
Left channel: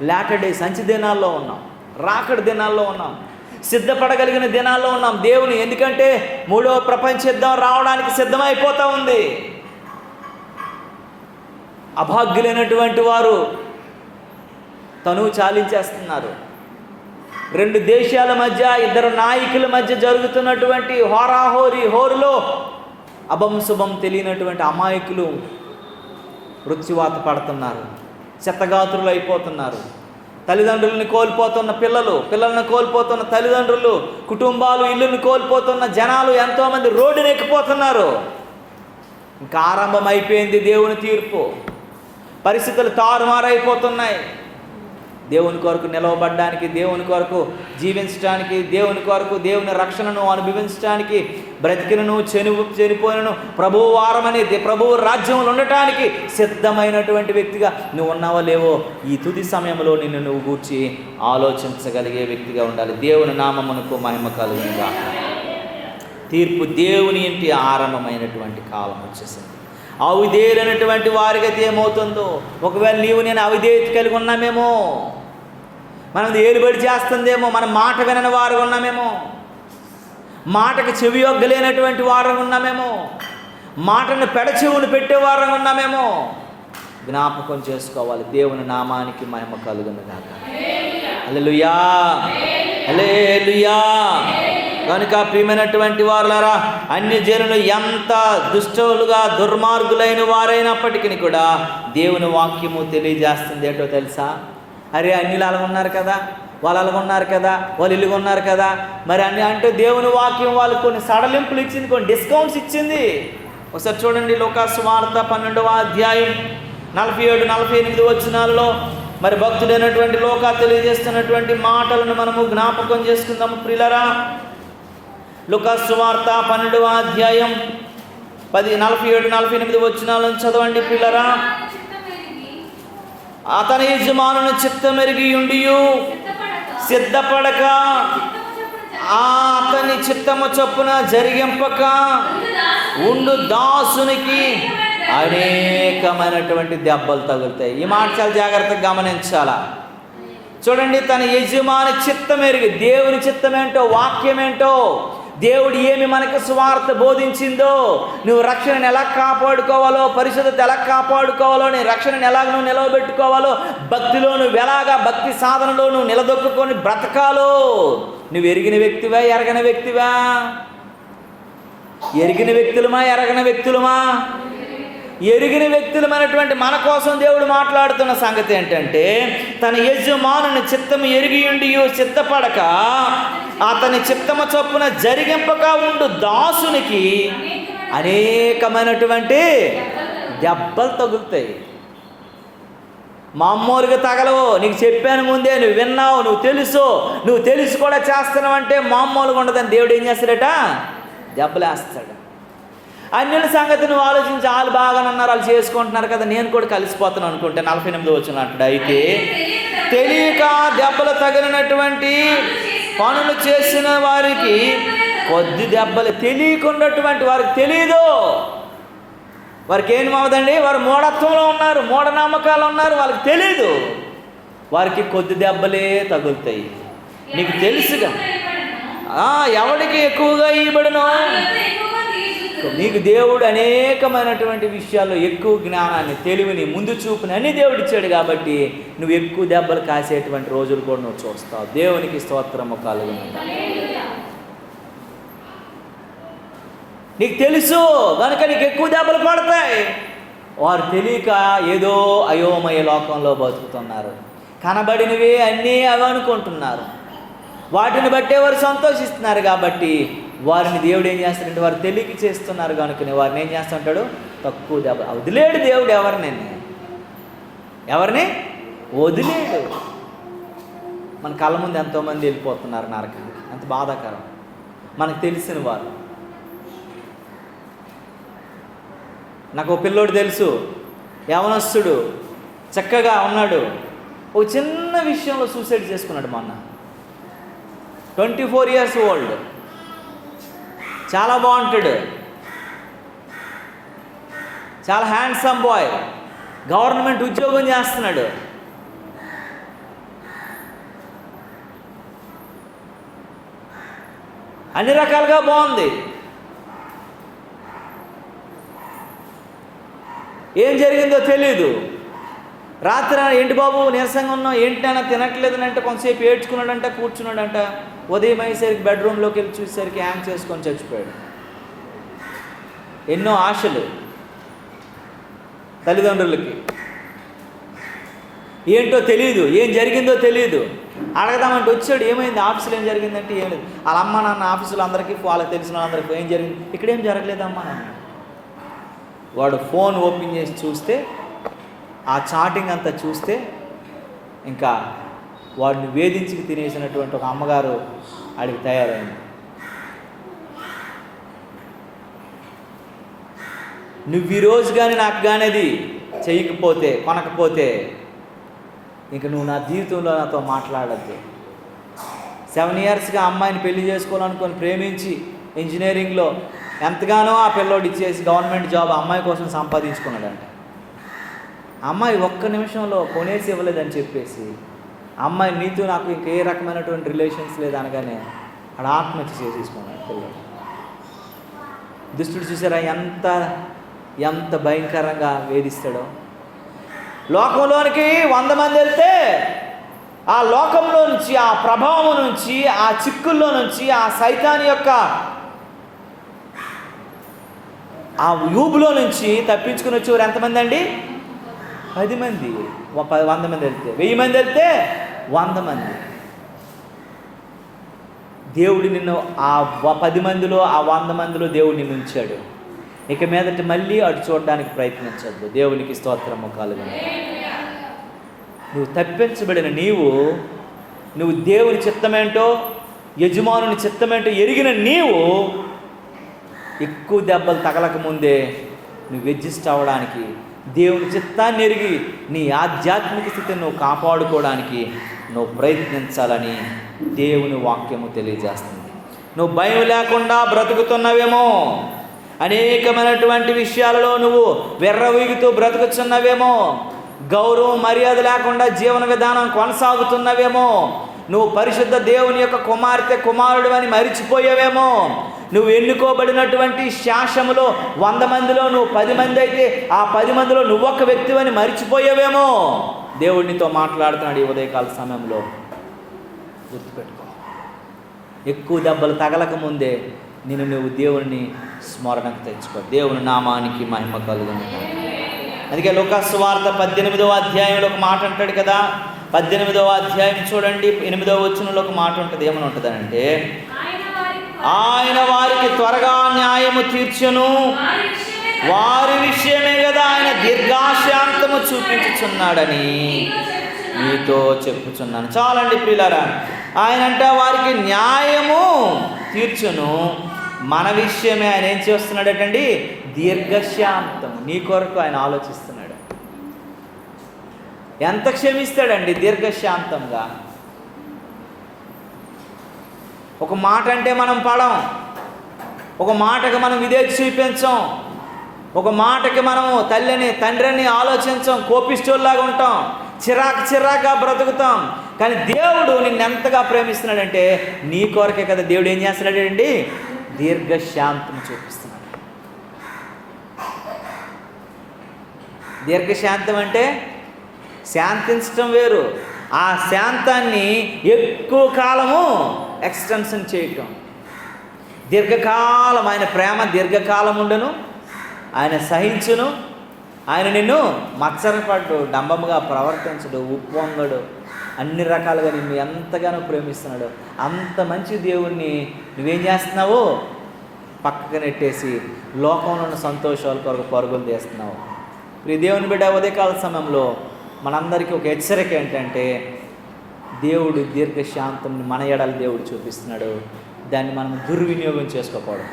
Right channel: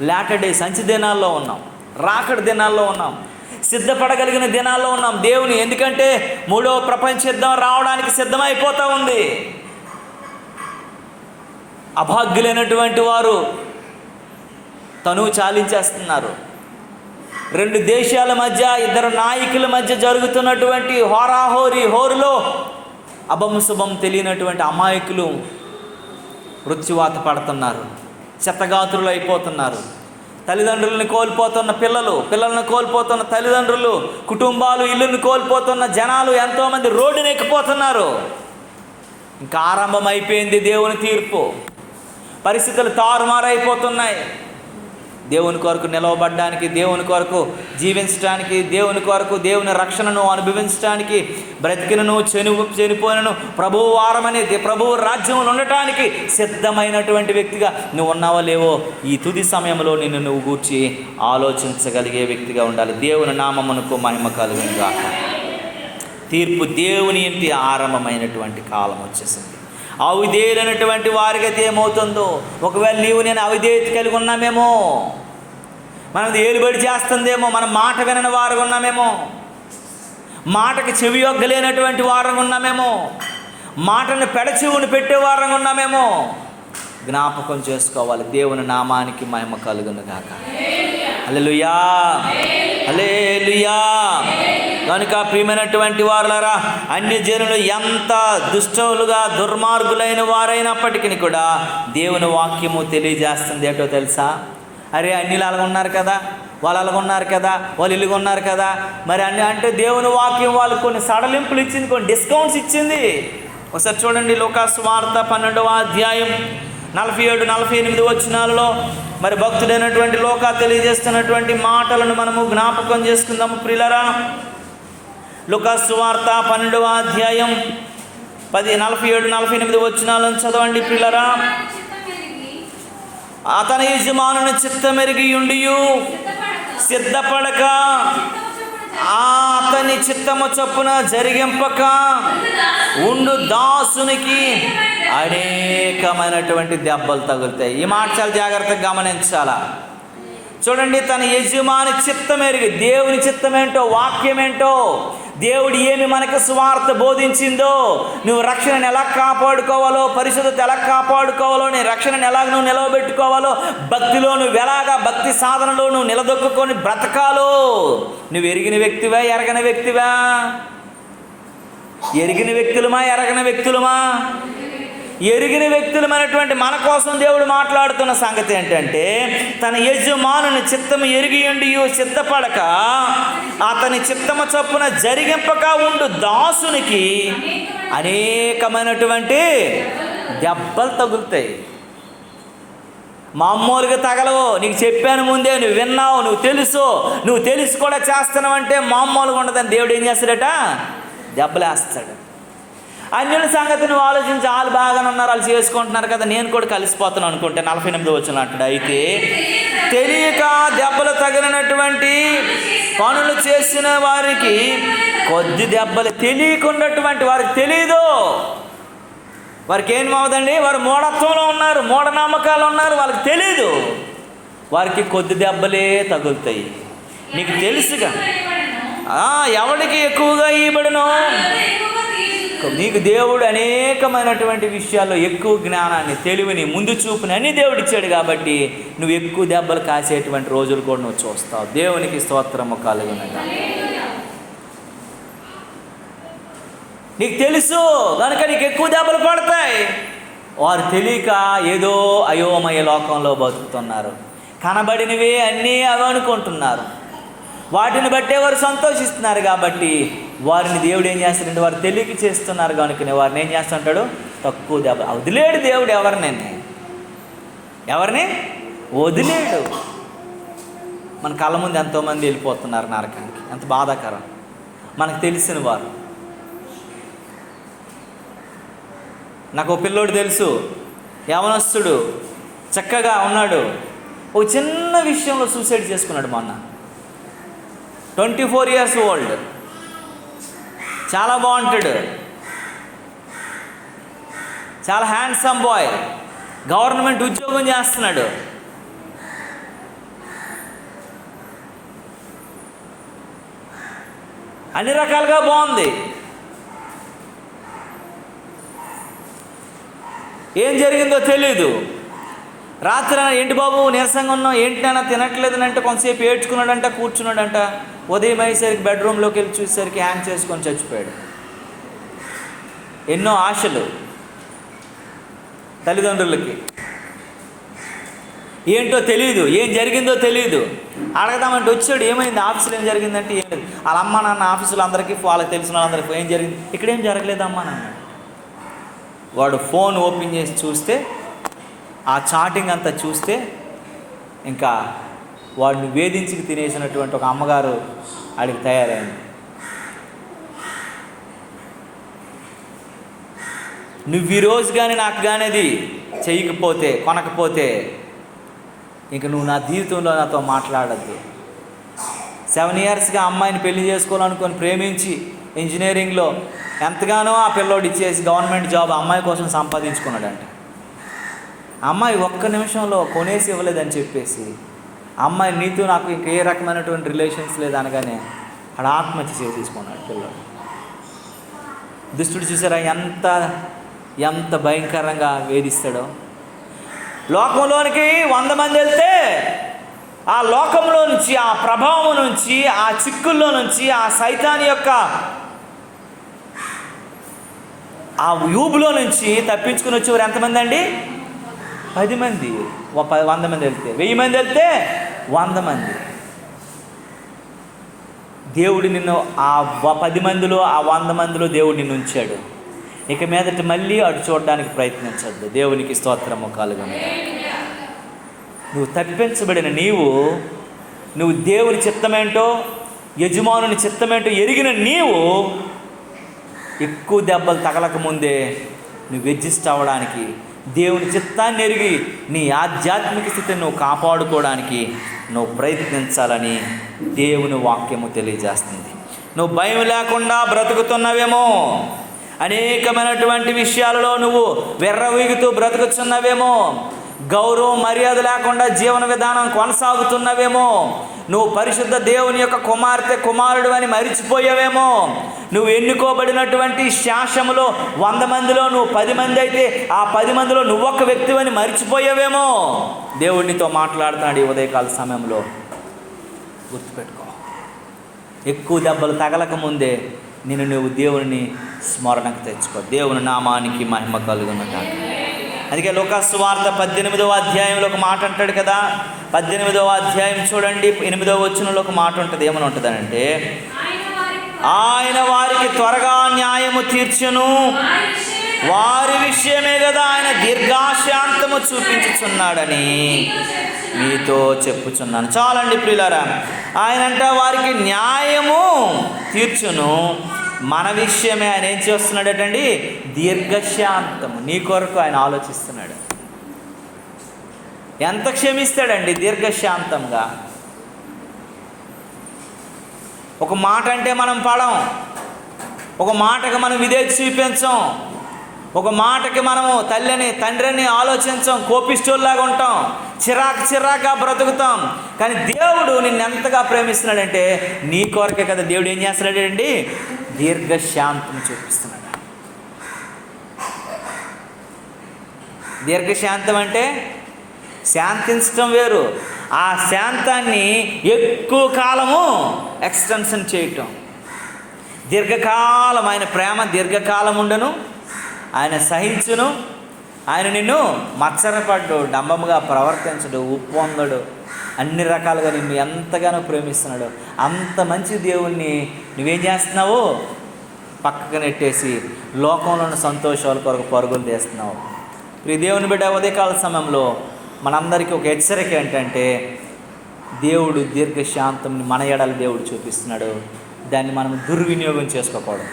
లేటర్ డేస్ అంచె దినాల్లో ఉన్నాం, రాకడ దినాల్లో ఉన్నాం, సిద్ధపడగలిగిన దినాల్లో ఉన్నాం. దేవుని ఎందుకంటే 3వ ప్రపంచ యుద్ధం రావడానికి సిద్ధమైపోతూ ఉంది. అభాగ్యులైనటువంటి వారు తనువు చాలించేస్తున్నారు. 2 దేశాల మధ్య, 2 నాయకుల మధ్య జరుగుతున్నటువంటి హోరులో అభంశుభం తెలియనటువంటి అమాయకులు మృత్యువాత పడుతున్నారు, చెత్తగాతులు అయిపోతున్నారు. తల్లిదండ్రులను కోల్పోతున్న పిల్లలను కోల్పోతున్న తల్లిదండ్రులు, కుటుంబాలు, ఇల్లును కోల్పోతున్న జనాలు ఎంతోమంది రోడ్డును ఎక్కిపోతున్నారు. ఇంకా ఆరంభం అయిపోయింది దేవుని తీర్పు. పరిస్థితులు తారుమారైపోతున్నాయి. దేవుని కొరకు నిలవబడడానికి, దేవుని కొరకు జీవించడానికి, దేవుని కొరకు దేవుని రక్షణను అనుభవించడానికి, బ్రతికినను చనిపోయినను ప్రభువు వారమనేది ప్రభువు రాజ్యంలో ఉండటానికి సిద్ధమైనటువంటి వ్యక్తిగా నువ్వు ఉన్నావో లేవో ఈ తుది సమయంలో నిన్ను నువ్వు గూర్చి ఆలోచించగలిగే వ్యక్తిగా ఉండాలి. దేవుని నామమునకు మహిమ కలుగునుగాక. తీర్పు దేవుని ఇంటి ఆరంభమైనటువంటి కాలం వచ్చేసింది. అవిధేయులైనటువంటి వారికి ఏమవుతుందో, ఒకవేళ నీవు నేను అవిధేయత కలిగి ఉన్నామేమో, మనం ఏలుబడి చేస్తుందేమో, మన మాట వినని వారు ఉన్నామేమో, మాటకి చెవి యొగ్గలేనటువంటి వారు ఉన్నామేమో, మాటను పెడచెవును పెట్టేవారు ఉన్నామేమో. జ్ఞాపకం చేసుకోవాలి. దేవుని నామానికి మహిమ కలుగునుగాక. హల్లెలూయా, హల్లెలూయా. కనుక ప్రియమైనటువంటి వారులారా, అన్య జనులు ఎంత దుష్టులుగా దుర్మార్గులైన వారైనప్పటికీ కూడా దేవుని వాక్యము తెలియజేస్తుంది. ఏంటో తెలుసా? అరే అన్యులు అలాగ ఉన్నారు కదా, వాళ్ళు అలాగ ఉన్నారు కదా, వాళ్ళు ఇల్లుగా ఉన్నారు కదా, మరి అన్ని అంటే దేవుని వాక్యం వాళ్ళు కొన్ని సడలింపులు ఇచ్చింది, కొన్ని డిస్కౌంట్స్ ఇచ్చింది. ఒకసారి చూడండి, లూకాసు వార్త 12వ అధ్యాయం 47-48 వచనాలలో మరి భక్తుడైనటువంటి లోకా తెలియజేస్తున్నటువంటి మాటలను మనము జ్ఞాపకం చేసుకుందాము ప్రియులారా. లూకాసు వార్త 12వ అధ్యాయం 47-48 వచనాలను చదవండి ప్రియులారా. తన యజమానుని చిత్తమెరిగి ఉండియు సిద్ధపడక అతని చిత్తము చొప్పున జరిగింపక ఉండు దాసునికి అనేకమైనటువంటి దెబ్బలు తగులుతాయి. ఈ మాట చాలా జాగ్రత్తగా గమనించాలా. చూడండి, తన యజమాని చిత్తం ఎరిగి, దేవుని చిత్తం ఏంటో, వాక్యం ఏంటో, దేవుడు ఏమి మనకి సువార్త బోధించిందో, నువ్వు రక్షణను ఎలా కాపాడుకోవాలో, పరిశుద్ధత ఎలా కాపాడుకోవాలో, నీ రక్షణను ఎలాగ నువ్వు నిలవబెట్టుకోవాలో, భక్తిలో నువ్వు ఎలాగా భక్తి సాధనలో నువ్వు నిలదొక్కుని బ్రతకాలో, నువ్వు ఎరిగిన వ్యక్తివా, ఎరగని వ్యక్తివా? ఎరిగిన వ్యక్తులమా, ఎరగని వ్యక్తులమా? ఎరిగిన వ్యక్తులమైనటువంటి మన కోసం దేవుడు మాట్లాడుతున్న సంగతి ఏంటంటే, తన యజమానుని చిత్తము ఎరిగి ఉండి సిద్ధపడక అతని చిత్తము చొప్పున జరిగింపక ఉండు దాసునికి అనేకమైనటువంటి దెబ్బలు తగులుతాయి. మామూలుగా తగలవు. నీకు చెప్పాను ముందే, నువ్వు విన్నావు, నువ్వు తెలిసి కూడా చేస్తున్నావు అంటే మామూలుగా ఉండదని దేవుడు ఏం చేస్తాడట? దెబ్బలేస్తాడు. అన్యుల సంగతి నువ్వు ఆలోచించి, వాళ్ళు బాగానే ఉన్నారు, వాళ్ళు చేసుకుంటున్నారు కదా, నేను కూడా కలిసిపోతున్నాను అనుకుంటే 48 వచనం అంటాడు. అయితే తెలియక దెబ్బలు తగిలినటువంటి పనులు చేసిన వారికి కొద్ది దెబ్బలు, తెలియకున్నటువంటి వారికి తెలియదు. వారికి ఏం అవుదండి? వారు మూఢత్వంలో ఉన్నారు, మూఢనమ్మకాలు ఉన్నారు, వాళ్ళకి తెలీదు. వారికి కొద్ది దెబ్బలే తగులుతాయి. నీకు తెలుసుగా ఎవరికి ఎక్కువగా ఇవ్వబడునో, నీకు దేవుడు అనేకమైనటువంటి విషయాల్లో ఎక్కువ జ్ఞానాన్ని, తెలివిని, ముందు చూపుని అన్ని దేవుడు ఇచ్చాడు. కాబట్టి నువ్వు ఎక్కువ దెబ్బలు కాసేటువంటి రోజులు కూడా నువ్వు చూస్తావు. దేవునికి స్తోత్రము కలుగును. నీకు తెలుసు కనుక నీకు ఎక్కువ దెబ్బలు పడతాయి. వారు తెలియక ఏదో అయోమయ లోకంలో బతుకుతున్నారు. కనబడినవే అన్నీ అవి అనుకుంటున్నారు. వాటిని బట్టే వారు సంతోషిస్తున్నారు. కాబట్టి వారిని దేవుడు ఏం చేస్తాడంటే, వారు తెలియక చేస్తున్నారు కనుక వారిని ఏం చేస్తుంటాడు? తక్కువ దెబ్బ. వదిలేడు దేవుడు ఎవరిని వదిలేడు. మన కళ్ళ ముందు ఎంతోమంది వెళ్ళిపోతున్నారు నరకానికి. అంత బాధాకరం. మనకు తెలిసిన వారు. నాకు ఒక పిల్లోడు తెలుసు, యవనస్తుడు, చక్కగా ఉన్నాడు. ఒక చిన్న విషయంలో సూసైడ్ చేసుకున్నాడు మొన్న. 24 years ఓల్డ్, చాలా బాగుంటాడు, చాలా హ్యాండ్సమ్ బాయ్, గవర్నమెంట్ ఉద్యోగం చేస్తున్నాడు. అన్ని రకాలుగా బాగుంది. ఏం జరిగిందో తెలీదు. రాత్రి ఏంటి బాబు నీరసంగా ఉన్నావు, ఏంటైనా తినట్లేదనంటే కొంతసేపు ఏడ్చుకున్నాడంట, కూర్చున్నాడంట. ఉదయం అయ్యేసరికి బెడ్రూమ్లోకి వెళ్ళి చూసేసరికి హ్యాంగ్ చేసుకొని చచ్చిపోయాడు. ఎన్నో ఆశలు తల్లిదండ్రులకి. ఏంటో తెలియదు, ఏం జరిగిందో తెలియదు. అడగదామంటే వచ్చాడు, ఏమైంది ఆఫీసులో ఏం జరిగిందంటే ఏం లేదు. వాళ్ళ అమ్మ నాన్న ఆఫీసులో అందరికీ, వాళ్ళకి తెలిసిన వాళ్ళందరికీ ఏం జరిగింది, ఇక్కడేం జరగలేదమ్మా నాన్న. వాడు ఫోన్ ఓపెన్ చేసి చూస్తే, ఆ చాటింగ్ అంతా చూస్తే, ఇంకా వాడిని వేధించి తినేసినటువంటి ఒక అమ్మగారు ఆడికి తయారైంది. నువ్వు ఈరోజు కానీ నాకు కానీ అది చేయకపోతే, కొనకపోతే, ఇంక నువ్వు నా జీవితంలో నాతో మాట్లాడద్దు. 7 yearsగా అమ్మాయిని పెళ్లి చేసుకోవాలనుకొని ప్రేమించి ఇంజనీరింగ్లో ఎంతగానో ఆ పిల్లోడు ఇచ్చేసి గవర్నమెంట్ జాబ్ అమ్మాయి కోసం సంపాదించుకున్నాడంట. అమ్మాయి ఒక్క నిమిషంలో కొనేసి ఇవ్వలేదని చెప్పేసి, అమ్మాయి నీతో నాకు ఇంక ఏ రకమైనటువంటి రిలేషన్స్ లేదనగానే ఆడ ఆత్మహత్య చేసేసుకున్నాడు పిల్లలు. దుష్టుడు చూసారా ఎంత భయంకరంగా వేధిస్తాడో. లోకంలోనికి 100 మంది వెళ్తే, ఆ లోకంలో నుంచి, ఆ ప్రభావం నుంచి, ఆ చిక్కుల్లో నుంచి, ఆ సైతాన్ యొక్క ఆ యూబులో నుంచి తప్పించుకుని వచ్చేవారు ఎంతమంది అండి? 10 మంది. 100 మంది వెళ్తే, 1000 మంది వెళ్తే 100 మంది. దేవుడు నిన్ను ఆ 10 మందిలో, ఆ 100 మందిలో దేవుడు నిన్ను ఉంచాడు. ఇక మీదట మళ్ళీ అటు చూడడానికి ప్రయత్నించద్దు. దేవునికి స్తోత్రము కలుగును. నువ్వు తప్పించబడిన నువ్వు దేవుని చిత్తమేంటో, యజమానుని చిత్తమేంటో ఎరిగిన నీవు ఎక్కువ దెబ్బలు తగలక ముందే నువ్వు అడ్జస్ట్ అవ్వడానికి, దేవుని చిత్తాన్ని ఎరిగి నీ ఆధ్యాత్మిక స్థితిని నువ్వు కాపాడుకోవడానికి నువ్వు ప్రయత్నించాలని దేవుని వాక్యము తెలియజేస్తుంది. నువ్వు భయం లేకుండా బ్రతుకుతున్నవేమో, అనేకమైనటువంటి విషయాలలో నువ్వు వెర్రవీగుతూ బ్రతుకుతున్నవేమో, గౌరవం మర్యాద లేకుండా జీవన విధానం కొనసాగుతున్నవేమో, నువ్వు పరిశుద్ధ దేవుని యొక్క కుమార్తె కుమారుడు అని మరిచిపోయావేమో, నువ్వు ఎన్నుకోబడినటువంటి శాసములో 100 మందిలో నువ్వు 10 మంది అయితే ఆ 10 మందిలో నువ్వొక్క వ్యక్తివని మరిచిపోయావేమో. దేవుడినితో మాట్లాడుతున్నాడు ఈ ఉదయకాల సమయంలో. గుర్తుపెట్టుకో, ఎక్కువ దెబ్బలు తగలక ముందే నువ్వు దేవుని స్మరణకు తెచ్చుకో. దేవుని నామానికి మహిమ కలుగును. అందుకే లూకాసు వార్త 18వ అధ్యాయంలో ఒక మాట అంటాడు కదా. 18వ అధ్యాయం చూడండి, 8వ వచనంలో ఒక మాట ఉంటుంది. ఏమని ఉంటుందనంటే, ఆయన వారికి త్వరగా న్యాయము తీర్చును, వారి విషయమే కదా ఆయన దీర్ఘశాంతము చూపించుచున్నాడని మీతో చెప్పుచున్నాను. చాలండి ప్రియులారా, ఆయన అంటే వారికి న్యాయము తీర్చును, మన విషయమే ఆయన ఏం చేస్తున్నాడటండి, దీర్ఘశాంతం. నీ కొరకు ఆయన ఆలోచిస్తున్నాడు. ఎంత క్షమిస్తాడండి దీర్ఘశాంతంగా. ఒక మాట అంటే మనం పడం, ఒక మాటకి మనం విధేయత చూపించం, ఒక మాటకి మనము తల్లిని తండ్రిని ఆలోచించం, కోపిష్టోల్లాగా ఉంటాం, చిరాకుగా బ్రతుకుతాం. కానీ దేవుడు నిన్నెంతగా ప్రేమిస్తున్నాడంటే నీ కొరకే కదా దేవుడు ఏం చేస్తున్నాడండి, దీర్ఘశాంతం చూపిస్తున్నాడు. దీర్ఘశాంతం అంటే శాంతించడం వేరు, ఆ శాంతాన్ని ఎక్కువ కాలము ఎక్స్టెన్షన్ చేయటం. దీర్ఘకాలం ఆయన ప్రేమ దీర్ఘకాలం ఉండను, ఆయన సహించును, ఆయన నిన్ను మత్సరపడ్డు, డంబముగా ప్రవర్తించడు, ఉప్పొంగడు, అన్ని రకాలుగా నిన్ను ఎంతగానో ప్రేమిస్తున్నాడు. అంత మంచి దేవుణ్ణి నువ్వేం చేస్తున్నావు, పక్కకు నెట్టేసి లోకంలో ఉన్న సంతోషాల కొరకు పరుగులు తీస్తున్నావు. ఈ దేవుని బిడ్డ ఉదయకాల సమయంలో మనందరికీ ఒక హెచ్చరిక ఏంటంటే, దేవుడు దీర్ఘశాంతంని మన ఎడల దేవుడు చూపిస్తున్నాడు. దాన్ని మనం దుర్వినియోగం చేసుకోకూడదు.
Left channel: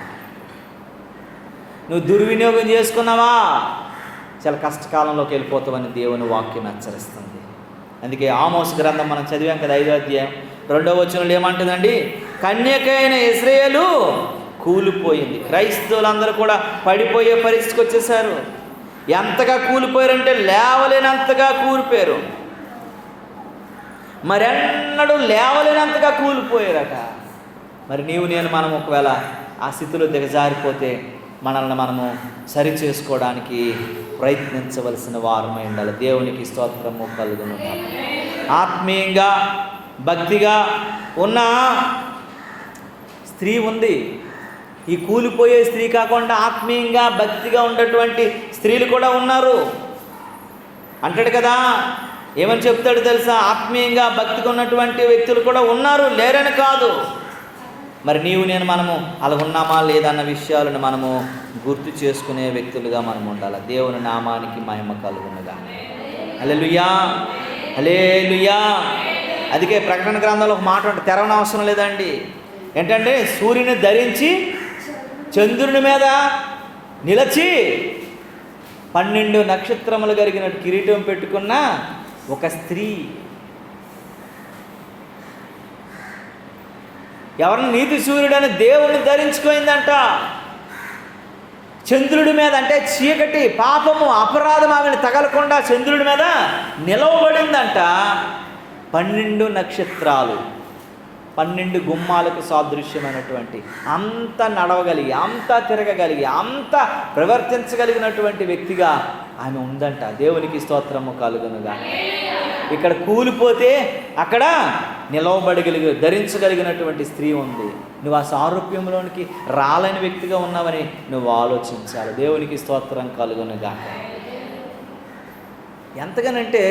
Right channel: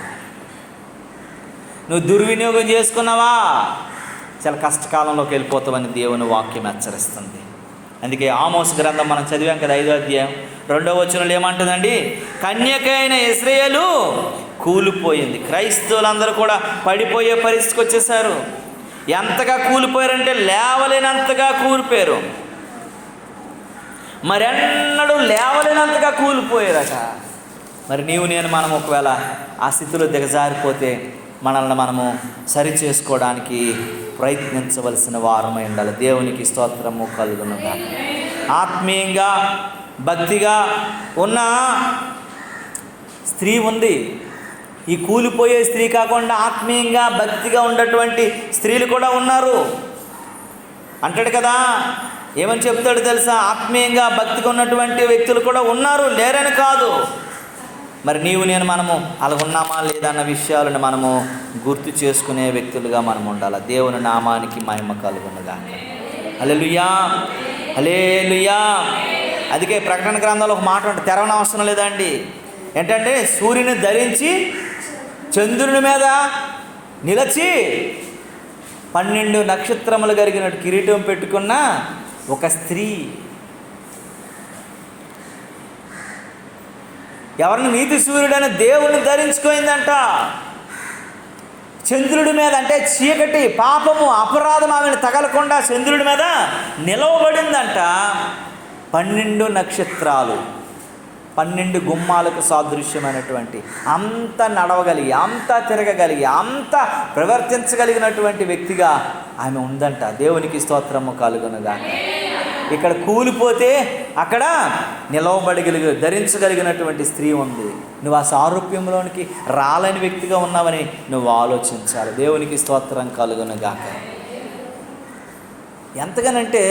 నువ్వు దుర్వినియోగం చేసుకున్నావా చాలా కష్టకాలంలోకి వెళ్ళిపోతావని దేవుని వాక్యం హెచ్చరిస్తుంది. అందుకే ఆమోస్ గ్రంథం మనం చదివాం కదా, 5వ అధ్యాయం 2వ వచనంలో ఏమంటుందండి, కన్యకైన ఇశ్రాయేలు కూలిపోయింది. క్రైస్తవులందరూ కూడా పడిపోయే పరిస్థితికి వచ్చేసారు. ఎంతగా కూలిపోయారంటే లేవలేనంతగా కూలిపోయారు. మరెన్నడూ లేవలేనంతగా కూలిపోయారట. మరి నేను మనం ఒకవేళ ఆ స్థితిలో దిగజారిపోతే మనల్ని మనము సరి చేసుకోవడానికి ప్రయత్నించవలసిన వారమై ఉండాలి. దేవునికి స్తోత్రము కలుగునుగా. ఆత్మీయంగా భక్తిగా ఉన్న స్త్రీ ఉంది. ఈ కూలిపోయే స్త్రీ కాకుండా ఆత్మీయంగా భక్తిగా ఉన్నటువంటి స్త్రీలు కూడా ఉన్నారు. అంటాడు కదా, ఏమని చెప్తాడు తెలుసా, ఆత్మీయంగా భక్తిగా ఉన్నటువంటి వ్యక్తులు కూడా ఉన్నారు, లేరని కాదు. మరి మనము అలా ఉన్నామా లేదన్న విషయాలను మనము గుర్తు చేసుకునే వ్యక్తులుగా మనం ఉండాలి. దేవుని నామానికి మహిమ కలుగునుగా. హల్లెలూయా, హల్లెలూయా. అందుకే ప్రకటన గ్రంథంలో ఒక మాట ఉంటుంది, తెరవనవసరం లేదండి. ఏంటంటే, సూర్యుని ధరించి చంద్రుని మీద నిలిచి 12 నక్షత్రములు కలిగినట్టు కిరీటం పెట్టుకున్న ఒక స్త్రీ. ఎవరిని నీతి సూర్యుడైన దేవుని ధరించుకోయిందంట. చంద్రుడి మీద అంటే చీకటి, పాపము, అపరాధం ఆమెను తగలకుండా చంద్రుడి మీద నిలవబడిందంట. 12 నక్షత్రాలు, 12 గుమ్మాలకు సాదృశ్యమైనటువంటి, అంత నడవగలిగి, అంత తిరగగలిగి, అంత ప్రవర్తించగలిగినటువంటి వ్యక్తిగా ఆమె ఉందంట. దేవునికి స్తోత్రము కలుగునుగా. ఇక్కడ కూలిపోతే అక్కడ ధరించగలిగినటువంటి స్త్రీ ఉంది. నువ్వు ఆ సారూప్యంలోనికి రాలేని వ్యక్తిగా ఉన్నావని నువ్వు ఆలోచించాలి. దేవునికి స్తోత్రం కలుగునుగా. ఎంతగానంటే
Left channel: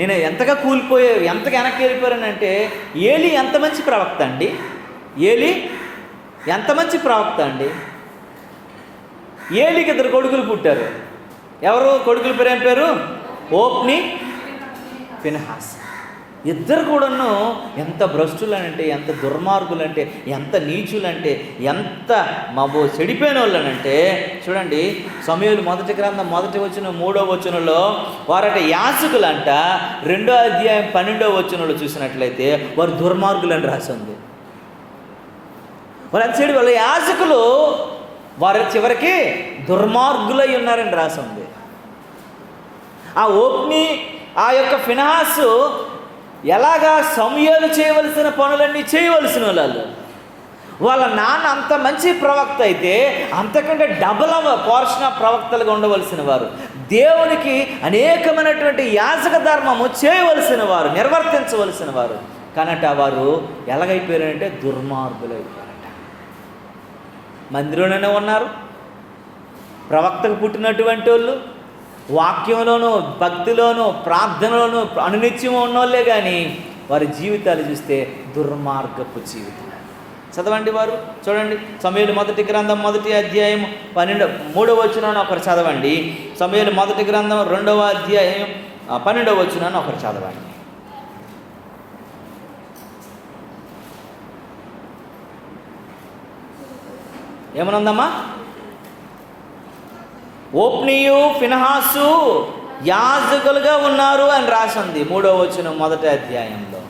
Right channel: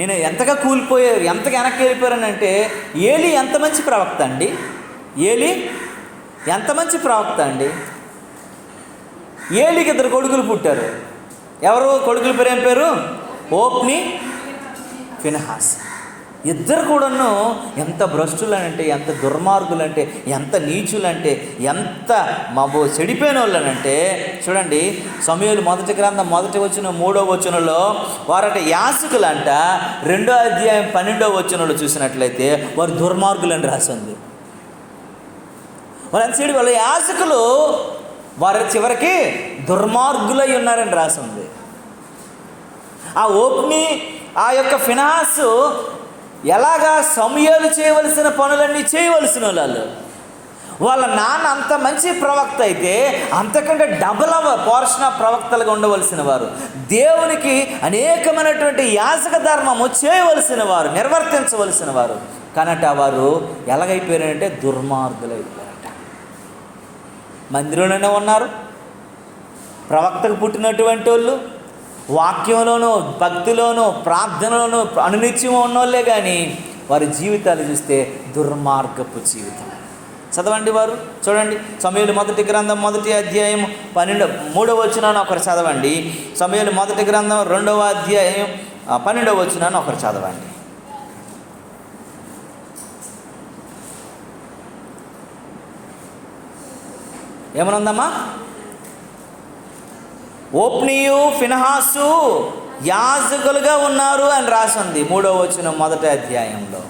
నేను ఎంతగా కూలిపోయారు, ఎంతగా వెనక్కి వెళ్ళిపోయానంటే, ఏలి ఎంత మంచి ప్రవక్త అండి. ఏలి ఎంత మంచి ప్రవక్త అండి. ఏలికి 2 కొడుకులు పుట్టారు. ఎవరు కొడుకుల పేరు? ఏం పేరు? ఓప్ని, ఫినెహాస్. ఇద్దరు కూడాను ఎంత భ్రష్టులనంటే, ఎంత దుర్మార్గులంటే, ఎంత నీచులంటే, ఎంత చెడిపోయిన వాళ్ళనంటే చూడండి. సమూయేలు మొదటి గ్రంథం 1:3 వారట యాజకులంట. 2:12 చూసినట్లయితే వారు దుర్మార్గులని రాసింది. వాళ్ళ చెడు వాళ్ళ యాజకులు వారు చివరికి దుర్మార్గులై ఉన్నారని రాసింది. ఆ ఓప్ని ఆ యొక్క ఫినహాసు ఎలాగా సమూయేలు చేయవలసిన పనులన్నీ చేయవలసిన వాళ్ళు. వాళ్ళ నాన్న అంత మంచి ప్రవక్త అయితే అంతకంటే డబుల్ పోర్షన్ ఆఫ్ ప్రవక్తలుగా ఉండవలసిన వారు, దేవునికి అనేకమైనటువంటి యాజక ధర్మము చేయవలసిన వారు, నిర్వర్తించవలసిన వారు. కానట వారు ఎలాగైపోయారంటే దుర్మార్గులు అయిపోయారట. మందిరంలోనే ఉన్నారు, ప్రవక్తకు పుట్టినటువంటి వాళ్ళు, వాక్యంలోనూ భక్తిలోనూ ప్రార్థనలోనూ అనునిత్యం ఉన్నోళ్ళే, కానీ వారి జీవితాలు చూస్తే దుర్మార్గపు జీవితం. చదవండి వారు, చూడండి. సమూయేలు మొదటి గ్రంథం 1:3 ఒకరు చదవండి. సమూయేలు మొదటి గ్రంథం 2:12 ఒకరు చదవండి. ఏమనుందమ్మా? ఓప్నియు ఫినహాసు యాజకులుగా ఉన్నారు అని రాసింది 3వ మొదటి అధ్యాయంలో.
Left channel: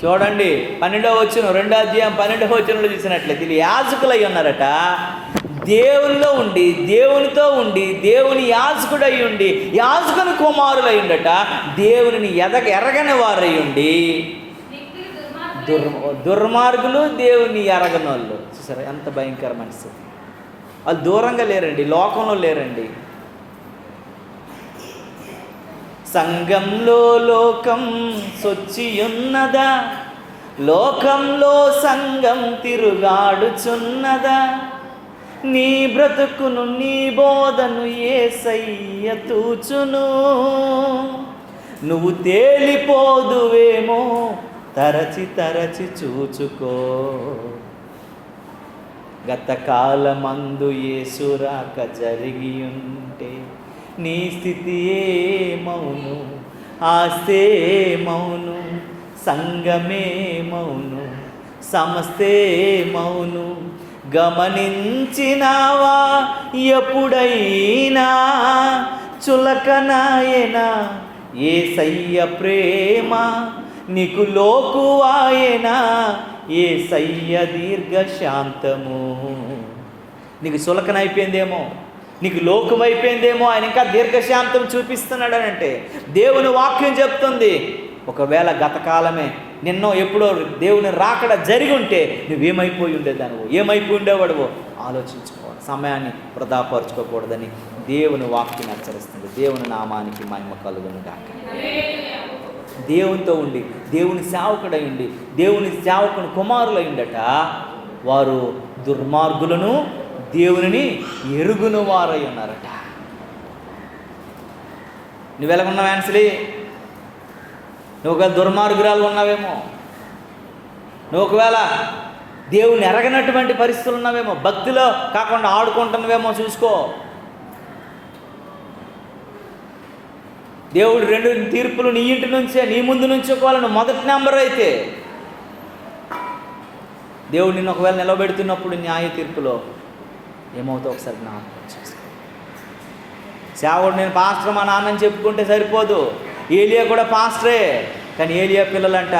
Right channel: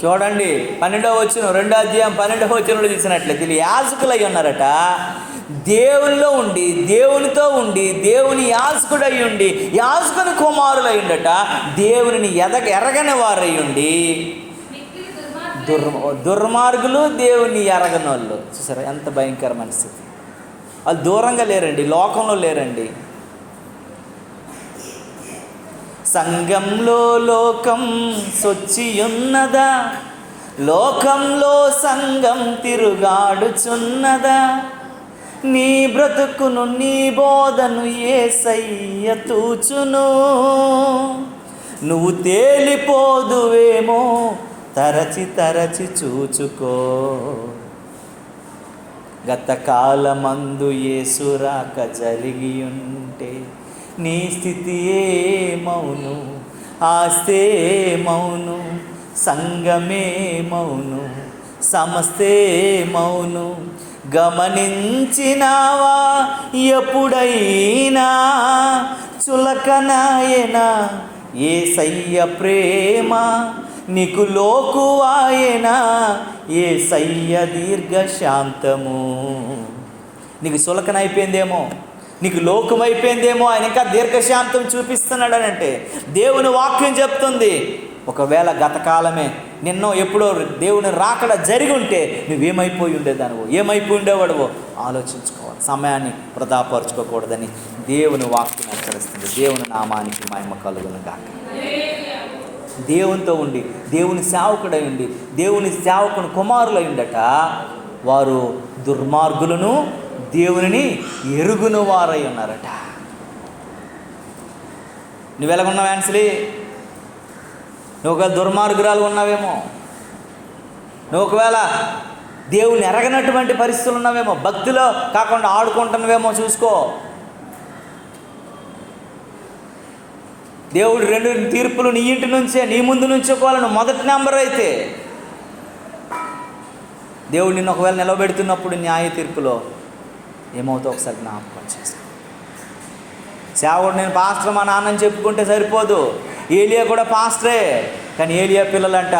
చూడండి 2:12 చూసినట్లయితే వీళ్ళు యాజకులై ఉన్నారట. దేవుల్లో ఉండి, దేవునితో ఉండి, దేవుని యాజకుడై ఉండి, యాజకుని కుమారులై ఉండట, దేవుని ఎరగని వారై ఉండి దుర్మార్గులు, దేవుని ఎరగని వాళ్ళు. చూసారా ఎంత భయంకర మనస్థితి. వాళ్ళు దూరంగా లేరండి, లోకంలో లేరండి. సంఘంలో లోకం సొచ్చియున్నదా, లోకంలో సంఘం తిరుగాడుచున్నదా, నీ బ్రతుకును నీ బోధను యేసయ్య తూచును, నువ్వు తేలిపోదువేమో తరచి తరచి చూచుకో, గతకాలమందు యేసు రాక జరిగి ఉంటే నీ స్థితి ఏమౌను, ఆస్తే మౌను, సంగమే మౌను, సమస్తే మౌను, గమనించినావా ఎప్పుడైనా చులకనాయనా యేసయ్య ప్రేమ, నీకు లోకువాయనా యేసయ్య దీర్ఘశాంతము. నీకు సులకనైపోయిందేమో, నీకు లోకమైపోయిందేమో, ఆయన ఇంకా దీర్ఘశాంతం చూపిస్తున్నాడు అని అంటే దేవుని వాక్యం చెప్తుంది. ఒకవేళ గతకాలమే నిన్నో ఎప్పుడో దేవుని రాకడ జరిగి ఉంటే నువ్వేమైపోయి ఉండేదానివో, ఏమైపోయి ఉండేవాడివో ఆలోచించుకోవాలి. సమయాన్ని వృధాపరచుకోకూడదని దేవుని వాక్యం హెచ్చరిస్తుంది. దేవుని నామానికి మహిమ కలుగును గాక. దేవునితో ఉండి, దేవుని సేవకుడై ఉండి, దేవుని సేవకుని కుమారులై ఉండట వారు దుర్మార్గులను, దేవుని ఎరుగును వారై ఉన్నారట. నువ్వెలాగున్నావు యాన్సలీ? నువ్వు ఒకవేళ దుర్మార్గురాలు ఉన్నావేమో, నువ్వు ఒకవేళ దేవుని ఎరగనటువంటి పరిస్థితులు ఉన్నావేమో, భక్తిలో కాకుండా ఆడుకుంటున్నావేమో చూసుకో. దేవుడు 2 తీర్పులు నీ ఇంటి నుంచే, నీ ముందు నుంచోకోవాలని మొదటి నెంబర్ అయితే దేవుడు నిన్ను ఒకవేళ నిలబెడుతున్నప్పుడు న్యాయ తీర్పులో ఏమవుతావు ఒకసారి జ్ఞాపకం చేసుకో. సేవకుడు నేను పాస్టర్ మా నాన్నని చెప్పుకుంటే సరిపోదు. ఏలియా కూడా పాస్టరే, కానీ ఏలియా పిల్లలంట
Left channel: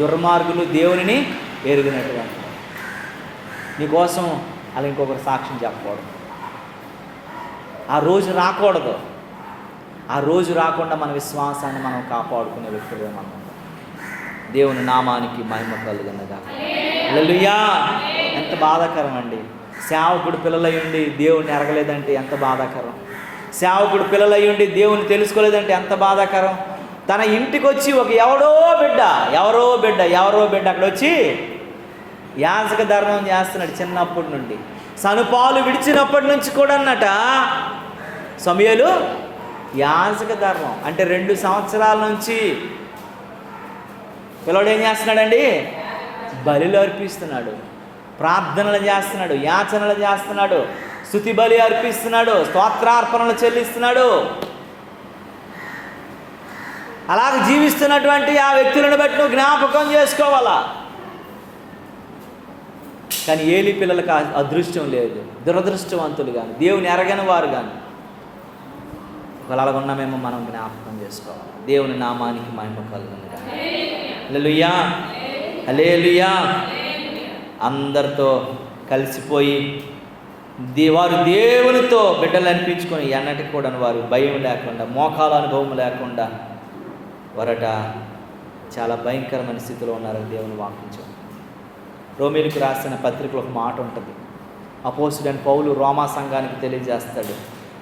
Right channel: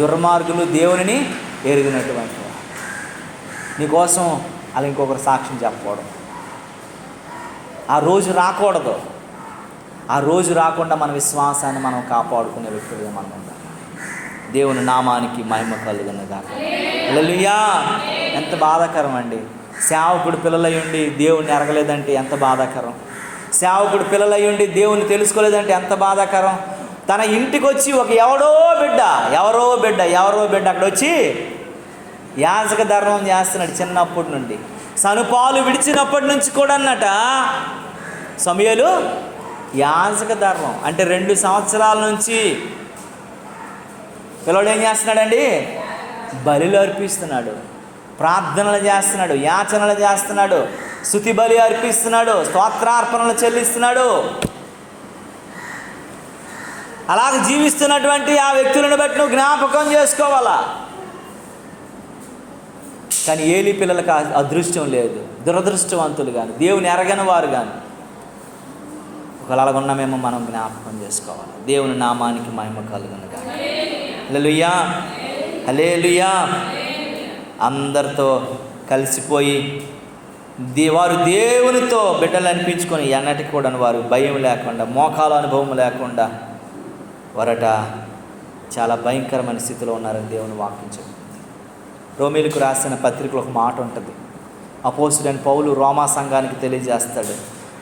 దుర్మార్గులు, దేవుని ఎరిగినటువంటి. నీకోసం అలా ఇంకొకరు సాక్ష్యం చెప్పకూడదు. ఆ రోజు రాకూడదు. ఆ రోజు రాకుండా మన విశ్వాసాన్ని మనం కాపాడుకునే వ్యక్తులుగా మనం ఉంటాం. దేవుని నామానికి మహిమ కలుగునుగాక. హల్లెలూయా. ఎంత బాధాకరం అండి. సేవకుడు పిల్లలై ఉండి దేవుణ్ణి ఎరగలేదంటే ఎంత బాధాకరం. సేవకుడు పిల్లలై ఉండి దేవుని తెలుసుకోలేదంటే ఎంత బాధాకరం. తన ఇంటికి వచ్చి ఒక ఎవరో బిడ్డ అక్కడ వచ్చి యాజక ధర్మం చేస్తున్నాడు చిన్నప్పటి నుండి. సనుపాలు విడిచినప్పటి నుంచి కూడా అన్నట సమూయేలు యాజక ధర్మం అంటే 2 సంవత్సరాల నుంచి పిల్లడు ఏం చేస్తున్నాడండి? బలులు అర్పిస్తున్నాడు, ప్రార్థనలు చేస్తున్నాడు, యాచనలు చేస్తున్నాడు, స్తుతి బలి అర్పిస్తున్నాడు, స్తోత్రార్పణలు చెల్లిస్తున్నాడు. అలాగ జీవిస్తున్నటువంటి ఆ వ్యక్తులను బట్టి నువ్వు జ్ఞాపకం చేసుకోవాలా. కానీ ఏలీ పిల్లలకు అదృష్టం లేదు, దురదృష్టవంతులు కానీ, దేవుని ఎరగని వారు కానీ. ఒకవేళ అలాగ ఉన్నామేమో మనం జ్ఞాపకం చేసుకోవాలి. దేవుని నామానికి మహిమ కలుగును గాక. హల్లెలూయా, హల్లెలూయా. అందరితో కలిసిపోయి వారు దేవునితో బిడ్డలు అనిపించుకొని ఎన్నటికి కూడా వారు భయం లేకుండా, మోకాల అనుభవం లేకుండా వారట చాలా భయంకరమైన స్థితిలో ఉన్నారని దేవుని వాక్యం చెప్తుంది. రోమీలకు రాసిన పత్రికలో ఒక మాట ఉంటుంది. అపోస్తులైన పౌలు రోమా సంఘానికి తెలియజేస్తాడు.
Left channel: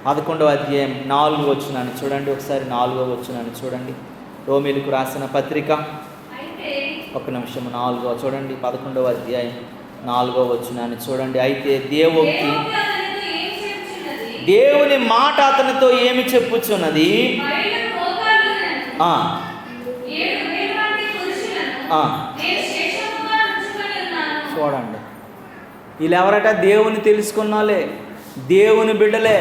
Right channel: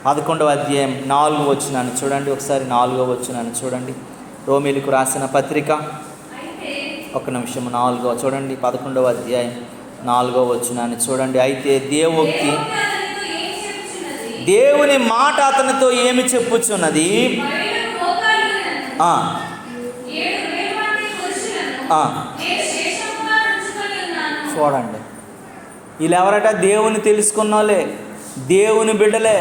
11వ అధ్యాయం 4వ వచనాన్ని చూడండి ఒకసారి. 4వ వచనాన్ని చూడండి. రోమీలకు రాసిన పత్రిక, ఒక నిమిషం, 4వ చూడండి. 11వ అధ్యాయం 4వ వచనాన్ని చూడండి. అయితే దేవుని మాట అతనితో ఏమి చెప్పుచున్నది? చూడండి, వీళ్ళు ఎవరట? దేవుని తెలుసుకున్నోళ్ళే, దేవుని బిడ్డలే,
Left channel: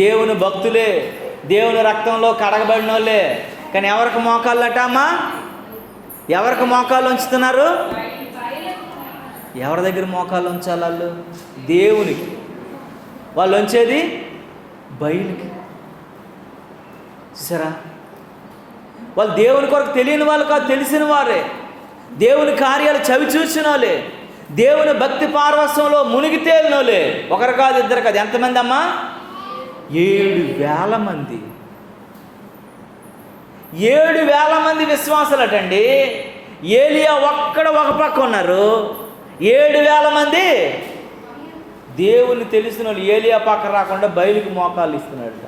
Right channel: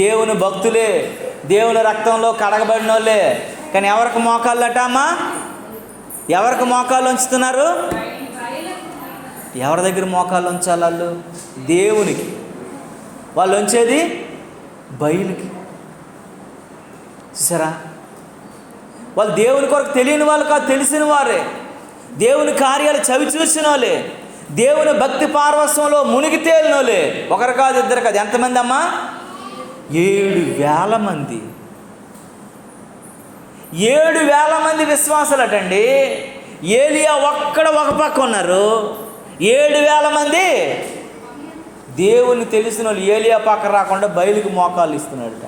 దేవుని భక్తులే, దేవుని రక్తంలో కడగబడిన వాళ్ళే. కానీ ఎవరికి మోకాళ్ళట అమ్మా? ఎవరికి మోకాళ్ళు ఉంచుతున్నారు? ఎవరి దగ్గర మోకాళ్ళు ఉంచాలి వాళ్ళు? దేవునికి. వాళ్ళు ఉంచేది బయలుకి. చూసారా? వాళ్ళు దేవుని కొరకు తెలియని వాళ్ళు కాదు, తెలిసిన వారే. దేవుని కార్యాలు చవి చూసిన వాళ్ళే, దేవుని భక్తి పార్వశ్యంలో మునిగి తేలిన వాళ్ళే. ఒకరు కాదు, ఇద్దరు కాదు. ఎంతమంది అమ్మా? 7,000 మంది. 7,000 మంది విశ్వాసులటండి. ఏలియా ఒక్కడ ఒక పక్క ఉన్నారు. 7,000 మంది దేవుని తెలిసిన వాళ్ళు ఏలియా పక్క రాకుండా బయలుకు మోకాళ్ళు ఇస్తున్నాడు.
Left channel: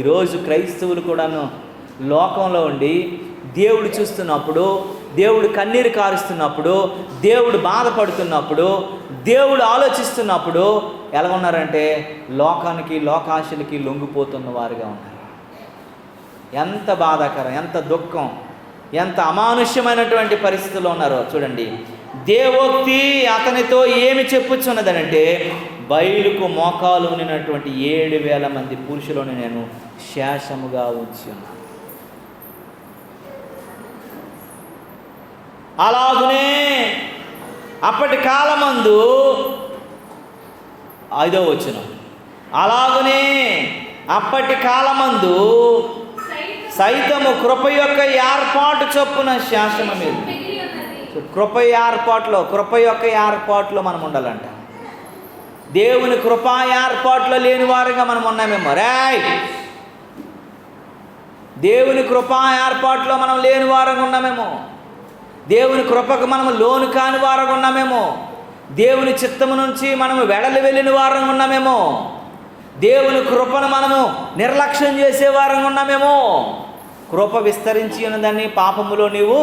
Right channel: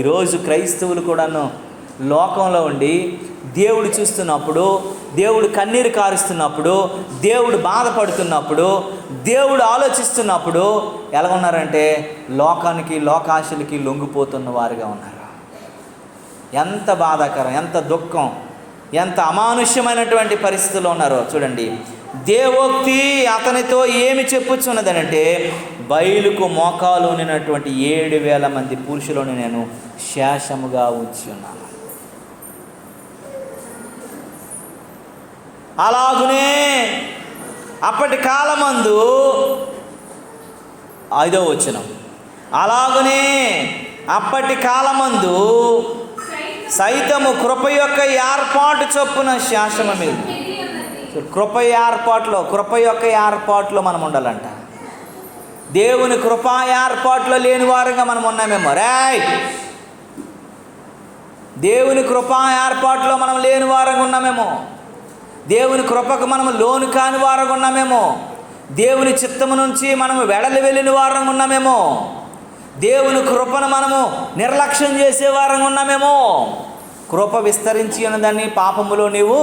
ఈరోజు క్రైస్తవులు కూడాను లోకంలో ఉండి దేవుడు చూస్తున్నప్పుడు, దేవుడు కన్నీరు కారుస్తున్నప్పుడు, దేవుడు బాధపడుతున్నప్పుడు, దేవుడు ఆలోచిస్తున్నప్పుడు ఎలా ఉన్నారంటే లోకానికి, లోకాశలకి లొంగిపోతున్న వారుగా ఉన్నారు. ఎంత బాధాకరం, ఎంత దుఃఖం, ఎంత అమానుష్యమైనటువంటి పరిస్థితుల్లో ఉన్నారో చూడండి. దేవోక్తి అతనితో ఏమి చెప్పుచున్నదనంటే, బయలుకు మోకాలు ఉన్నటువంటి 7,000 మంది పురుషులను నేను శేషముగా ఉంచి ఉన్నాను. అలాగునే అప్పటి కాలమందు 5వ వచనం, అలాగునే అప్పటి కాలమందు సైతము కృప యొక్క ఏర్పాటు చొప్పున శాసన మీద. కృప యొక్క ఏర్పాటులో మనం ఉండాలంట. దేవుని కృపా ఏర్పాటులో లేని వారుగా మనం ఉన్నామేమో. దేవుని కృపా ఏర్పాటులో మనం లేని వారంగా ఉన్నామేమో. దేవుని కృపకు మనము లోను కాని వారంగా ఉన్నామేమో. దేవుని చిత్తము నుంచి మనము వెడలి వెళ్ళిన వారంగా ఉన్నామేమో. దేవుని కృపను మనము నిర్లక్ష్యం చేసే వారంగా ఉన్నామేమో. కృప విస్తరించి ఉన్నదాన్ని పాపములో నీవు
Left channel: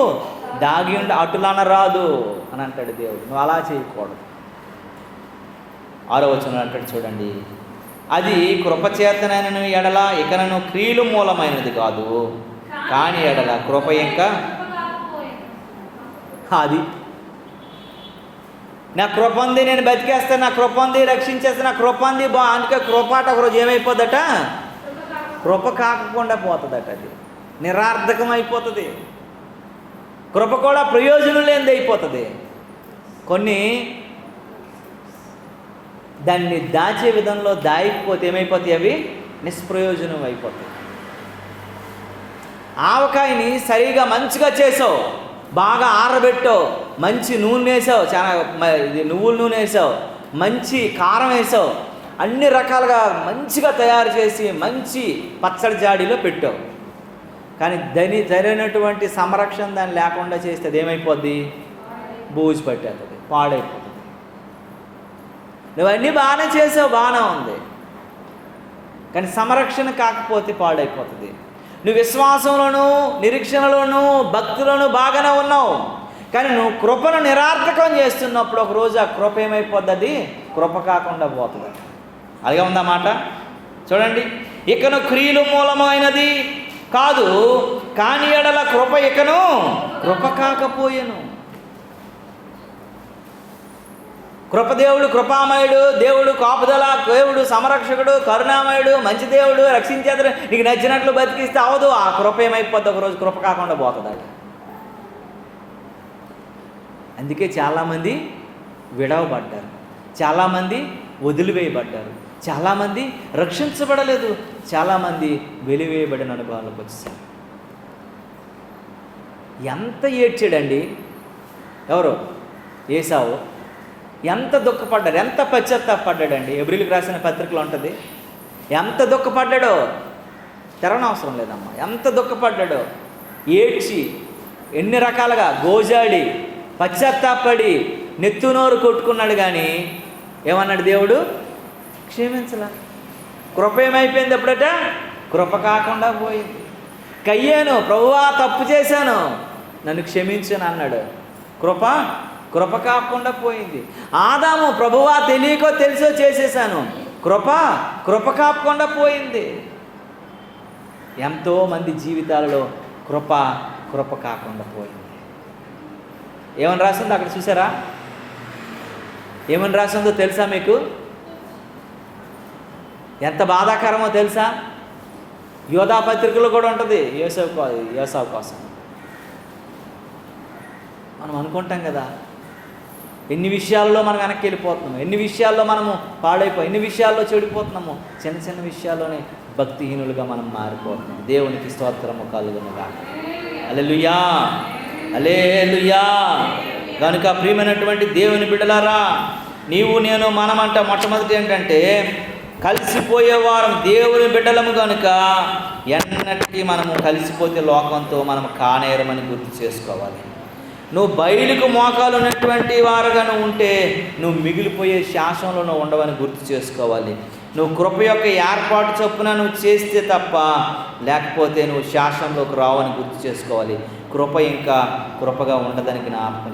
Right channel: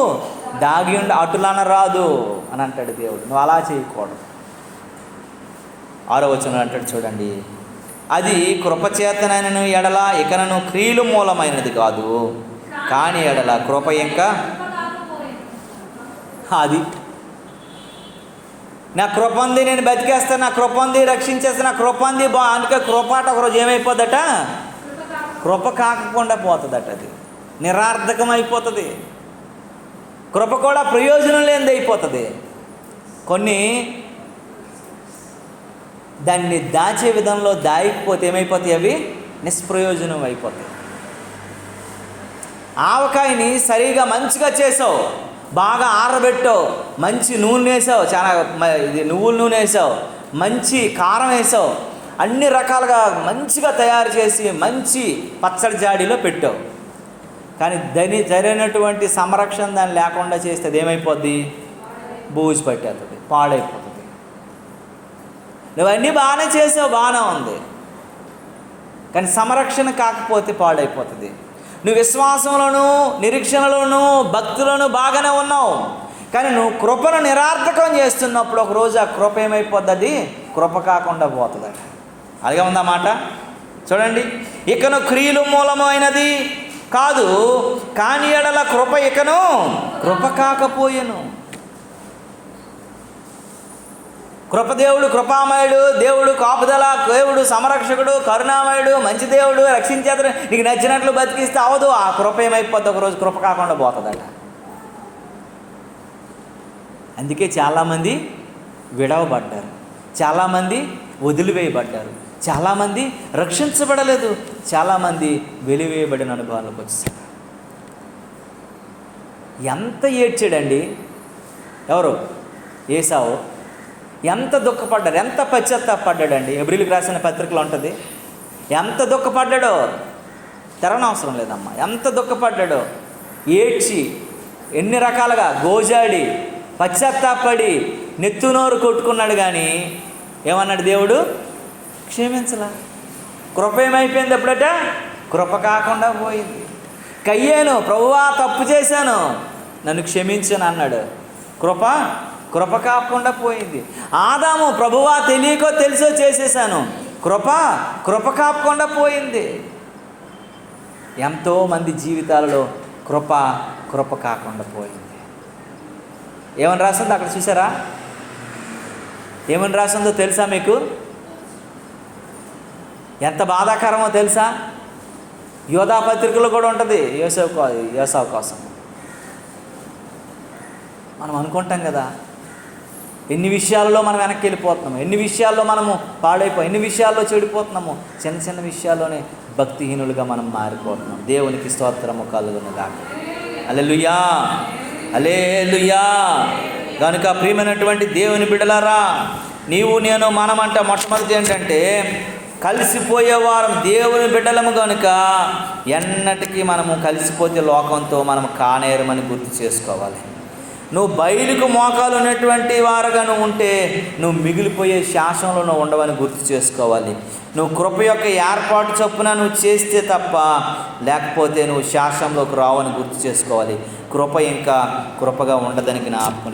దాగి ఉండి అటులనరాదు అని అంటాడు దేవుడు. నువ్వు అలా చేయకూడదు. 6వ వచనం అంటాడు చూడండి. అది కృపచేతనైన ఎడల ఇకనను క్రియలు మూలమైనది కాదు, కానీ ఎడల కృప ఇంకా అది. నా కృప ఉంది, నేను బతికేస్తాను, నా కృప ఉంది, రక్షించేస్తాను, నా కృప ఉంది అందుకే కృపాట ఒకరోజు ఏమైపోద్దట? కృప కాకుండా పోతుందట. అది నిరార్థకం అయిపోతుంది. కృప కూడా ప్రయోజనం లేనిది అయిపోతుంది. కొన్ని దాన్ని దాచే విధంలో దాయకపోతే ఏమైపోతాయి? అవి నిష్ప్రయోజనం అయిపోతాయి. ఆవకాయని సరిగా మంచిగా చేసావు, బాగా ఆరబెట్టావు, మంచి నూనె వేసావు, చాలా నువ్వుల నూనె వేసావు, మంచి కారం వేసావు, అన్ని రకాలుగా మంచిగా తయారు చేసి మంచి పచ్చడి జాడీలో పెట్టావు. కానీ దాని సరైనటువంటి సంరక్షణ దాన్ని లేకుండా చేస్తే అది ఏమైపోద్ది? బూజు పట్టేస్తుంది, పాడైపోతుంది. నువ్వన్నీ బాగానే చేసావు, బాగానే ఉంది, కానీ సంరక్షణ కాకపోతే పాడైపోతుంది. నువ్వు విశ్వాసంలోనూ, నిరీక్షణలోనూ, భక్తులను బాగానే ఉన్నావు, కానీ నువ్వు కృపను నిరార్థకం చేస్తున్నప్పుడు ఒకరోజు ఆ కృప ఏమైపోద్ది? అది కృప కాకుండా పోతుంది. అలాగే ఉందన్నమాట. చూడండి, ఇకను క్రియలు మూలమైనది కాదు, కానీ ఎడల కృప ఇకను కృప కాకపోయేను. కృపదేవుడు, కృపామయుడు దేవుడు, కాపుదల దేవుడు, సంరక్షకుడు, కరుణామయుడు, మంచి దేవుడు, రక్షించేతడు, నీకు నచ్చినట్లు బతికిస్తే అవదు. ఆ కృప ఏమైపోద్ది, ఒకరోజు కృప కాకుండా పోతుంది. అందుకే చాలామంది విడవబడ్డారు, చాలామంది వదిలివేయబడ్డారు, చాలామంది రక్షించబడలేదు, చాలామంది వెలివేయబడిన అనుభవాలకు వచ్చారు. ఎంత ఏడ్చాడండి ఎవరు? ఏసావు. ఎంత దుఃఖపడ్డాడు, ఎంత పశ్చాత్తాపడ్డాడండి. ఎబ్రిల్కి రాసిన పత్రికలో ఉంటుంది. ఎంత దుఃఖపడ్డాడో తెరవనవసరం లేదమ్మా. ఎంత దుఃఖపడ్డాడో, ఏడ్చి ఎన్ని రకాలుగా గోజాడి పశ్చాత్తాపడి నెత్తునోరు కొట్టుకున్నాడు. కానీ ఏమన్నాడు దేవుడు? క్షమించలా. కృప ఏమైపోయింది అప్పుడట? కృప కాకుండా పోయింది. కయ్యాను, ప్రభువా తప్పు చేశాను, నన్ను క్షమించను అన్నాడు. కృప కాకుండా పోయింది. ఆదాము, ప్రభువా తెలియకో తెలిసో చేసేసాను, కృప కాకుండా పోయింది. ఎంతోమంది జీవితాలలో కృప కాకుండా పోయింది. ఏమని రాసిందో అక్కడ చూసారా? ఏమని రాసిందో తెలుసా మీకు? ఎంత బాధాకరమో తెలుసా? యోధా పత్రికలో కూడా ఉంటుంది యేసావు కోసం. మనం అనుకుంటాం కదా, ఎన్ని విషయాల్లో మనం వెనక్కి వెళ్ళిపోతున్నాము, ఎన్ని విషయాల్లో మనము ఎన్ని విషయాల్లో చెడిపోతున్నాము. చిన్న చిన్న విషయాల్లోనే భక్తిహీనులుగా మనం మారిపోతున్నాం. దేవునికి స్తోత్రము కలుగునుగాక. హల్లెలూయా, హల్లెలూయా. కనుక ప్రియమైనటువంటి దేవుని బిడ్డలారా, నీవు నేను మనమంట మొట్టమొదటి ఏంటంటే కలిసిపోయేవారు దేవుని బిడ్డలము. కనుక ఎన్నటికీ మనము కలిసిపోతే లోకంతో మనం కానేరమని గుర్తు చేసుకోవాలి. నువ్వు బయలుకు మోకాలు ఉన్నటువంటి వారుగా నువ్వు ఉంటే నువ్వు మిగిలిపోయే శాసనంలో నువ్వు ఉండవని గుర్తు చేసుకోవాలి. నువ్వు కృప యొక్క ఏర్పాటు చొప్పున నువ్వు చేస్తే తప్ప, లేకపోతే నువ్వు శాసనంలోకి రావని గుర్తు చేసుకోవాలి. కృప ఇంకా కృపగా ఉండదని జ్ఞాపకం.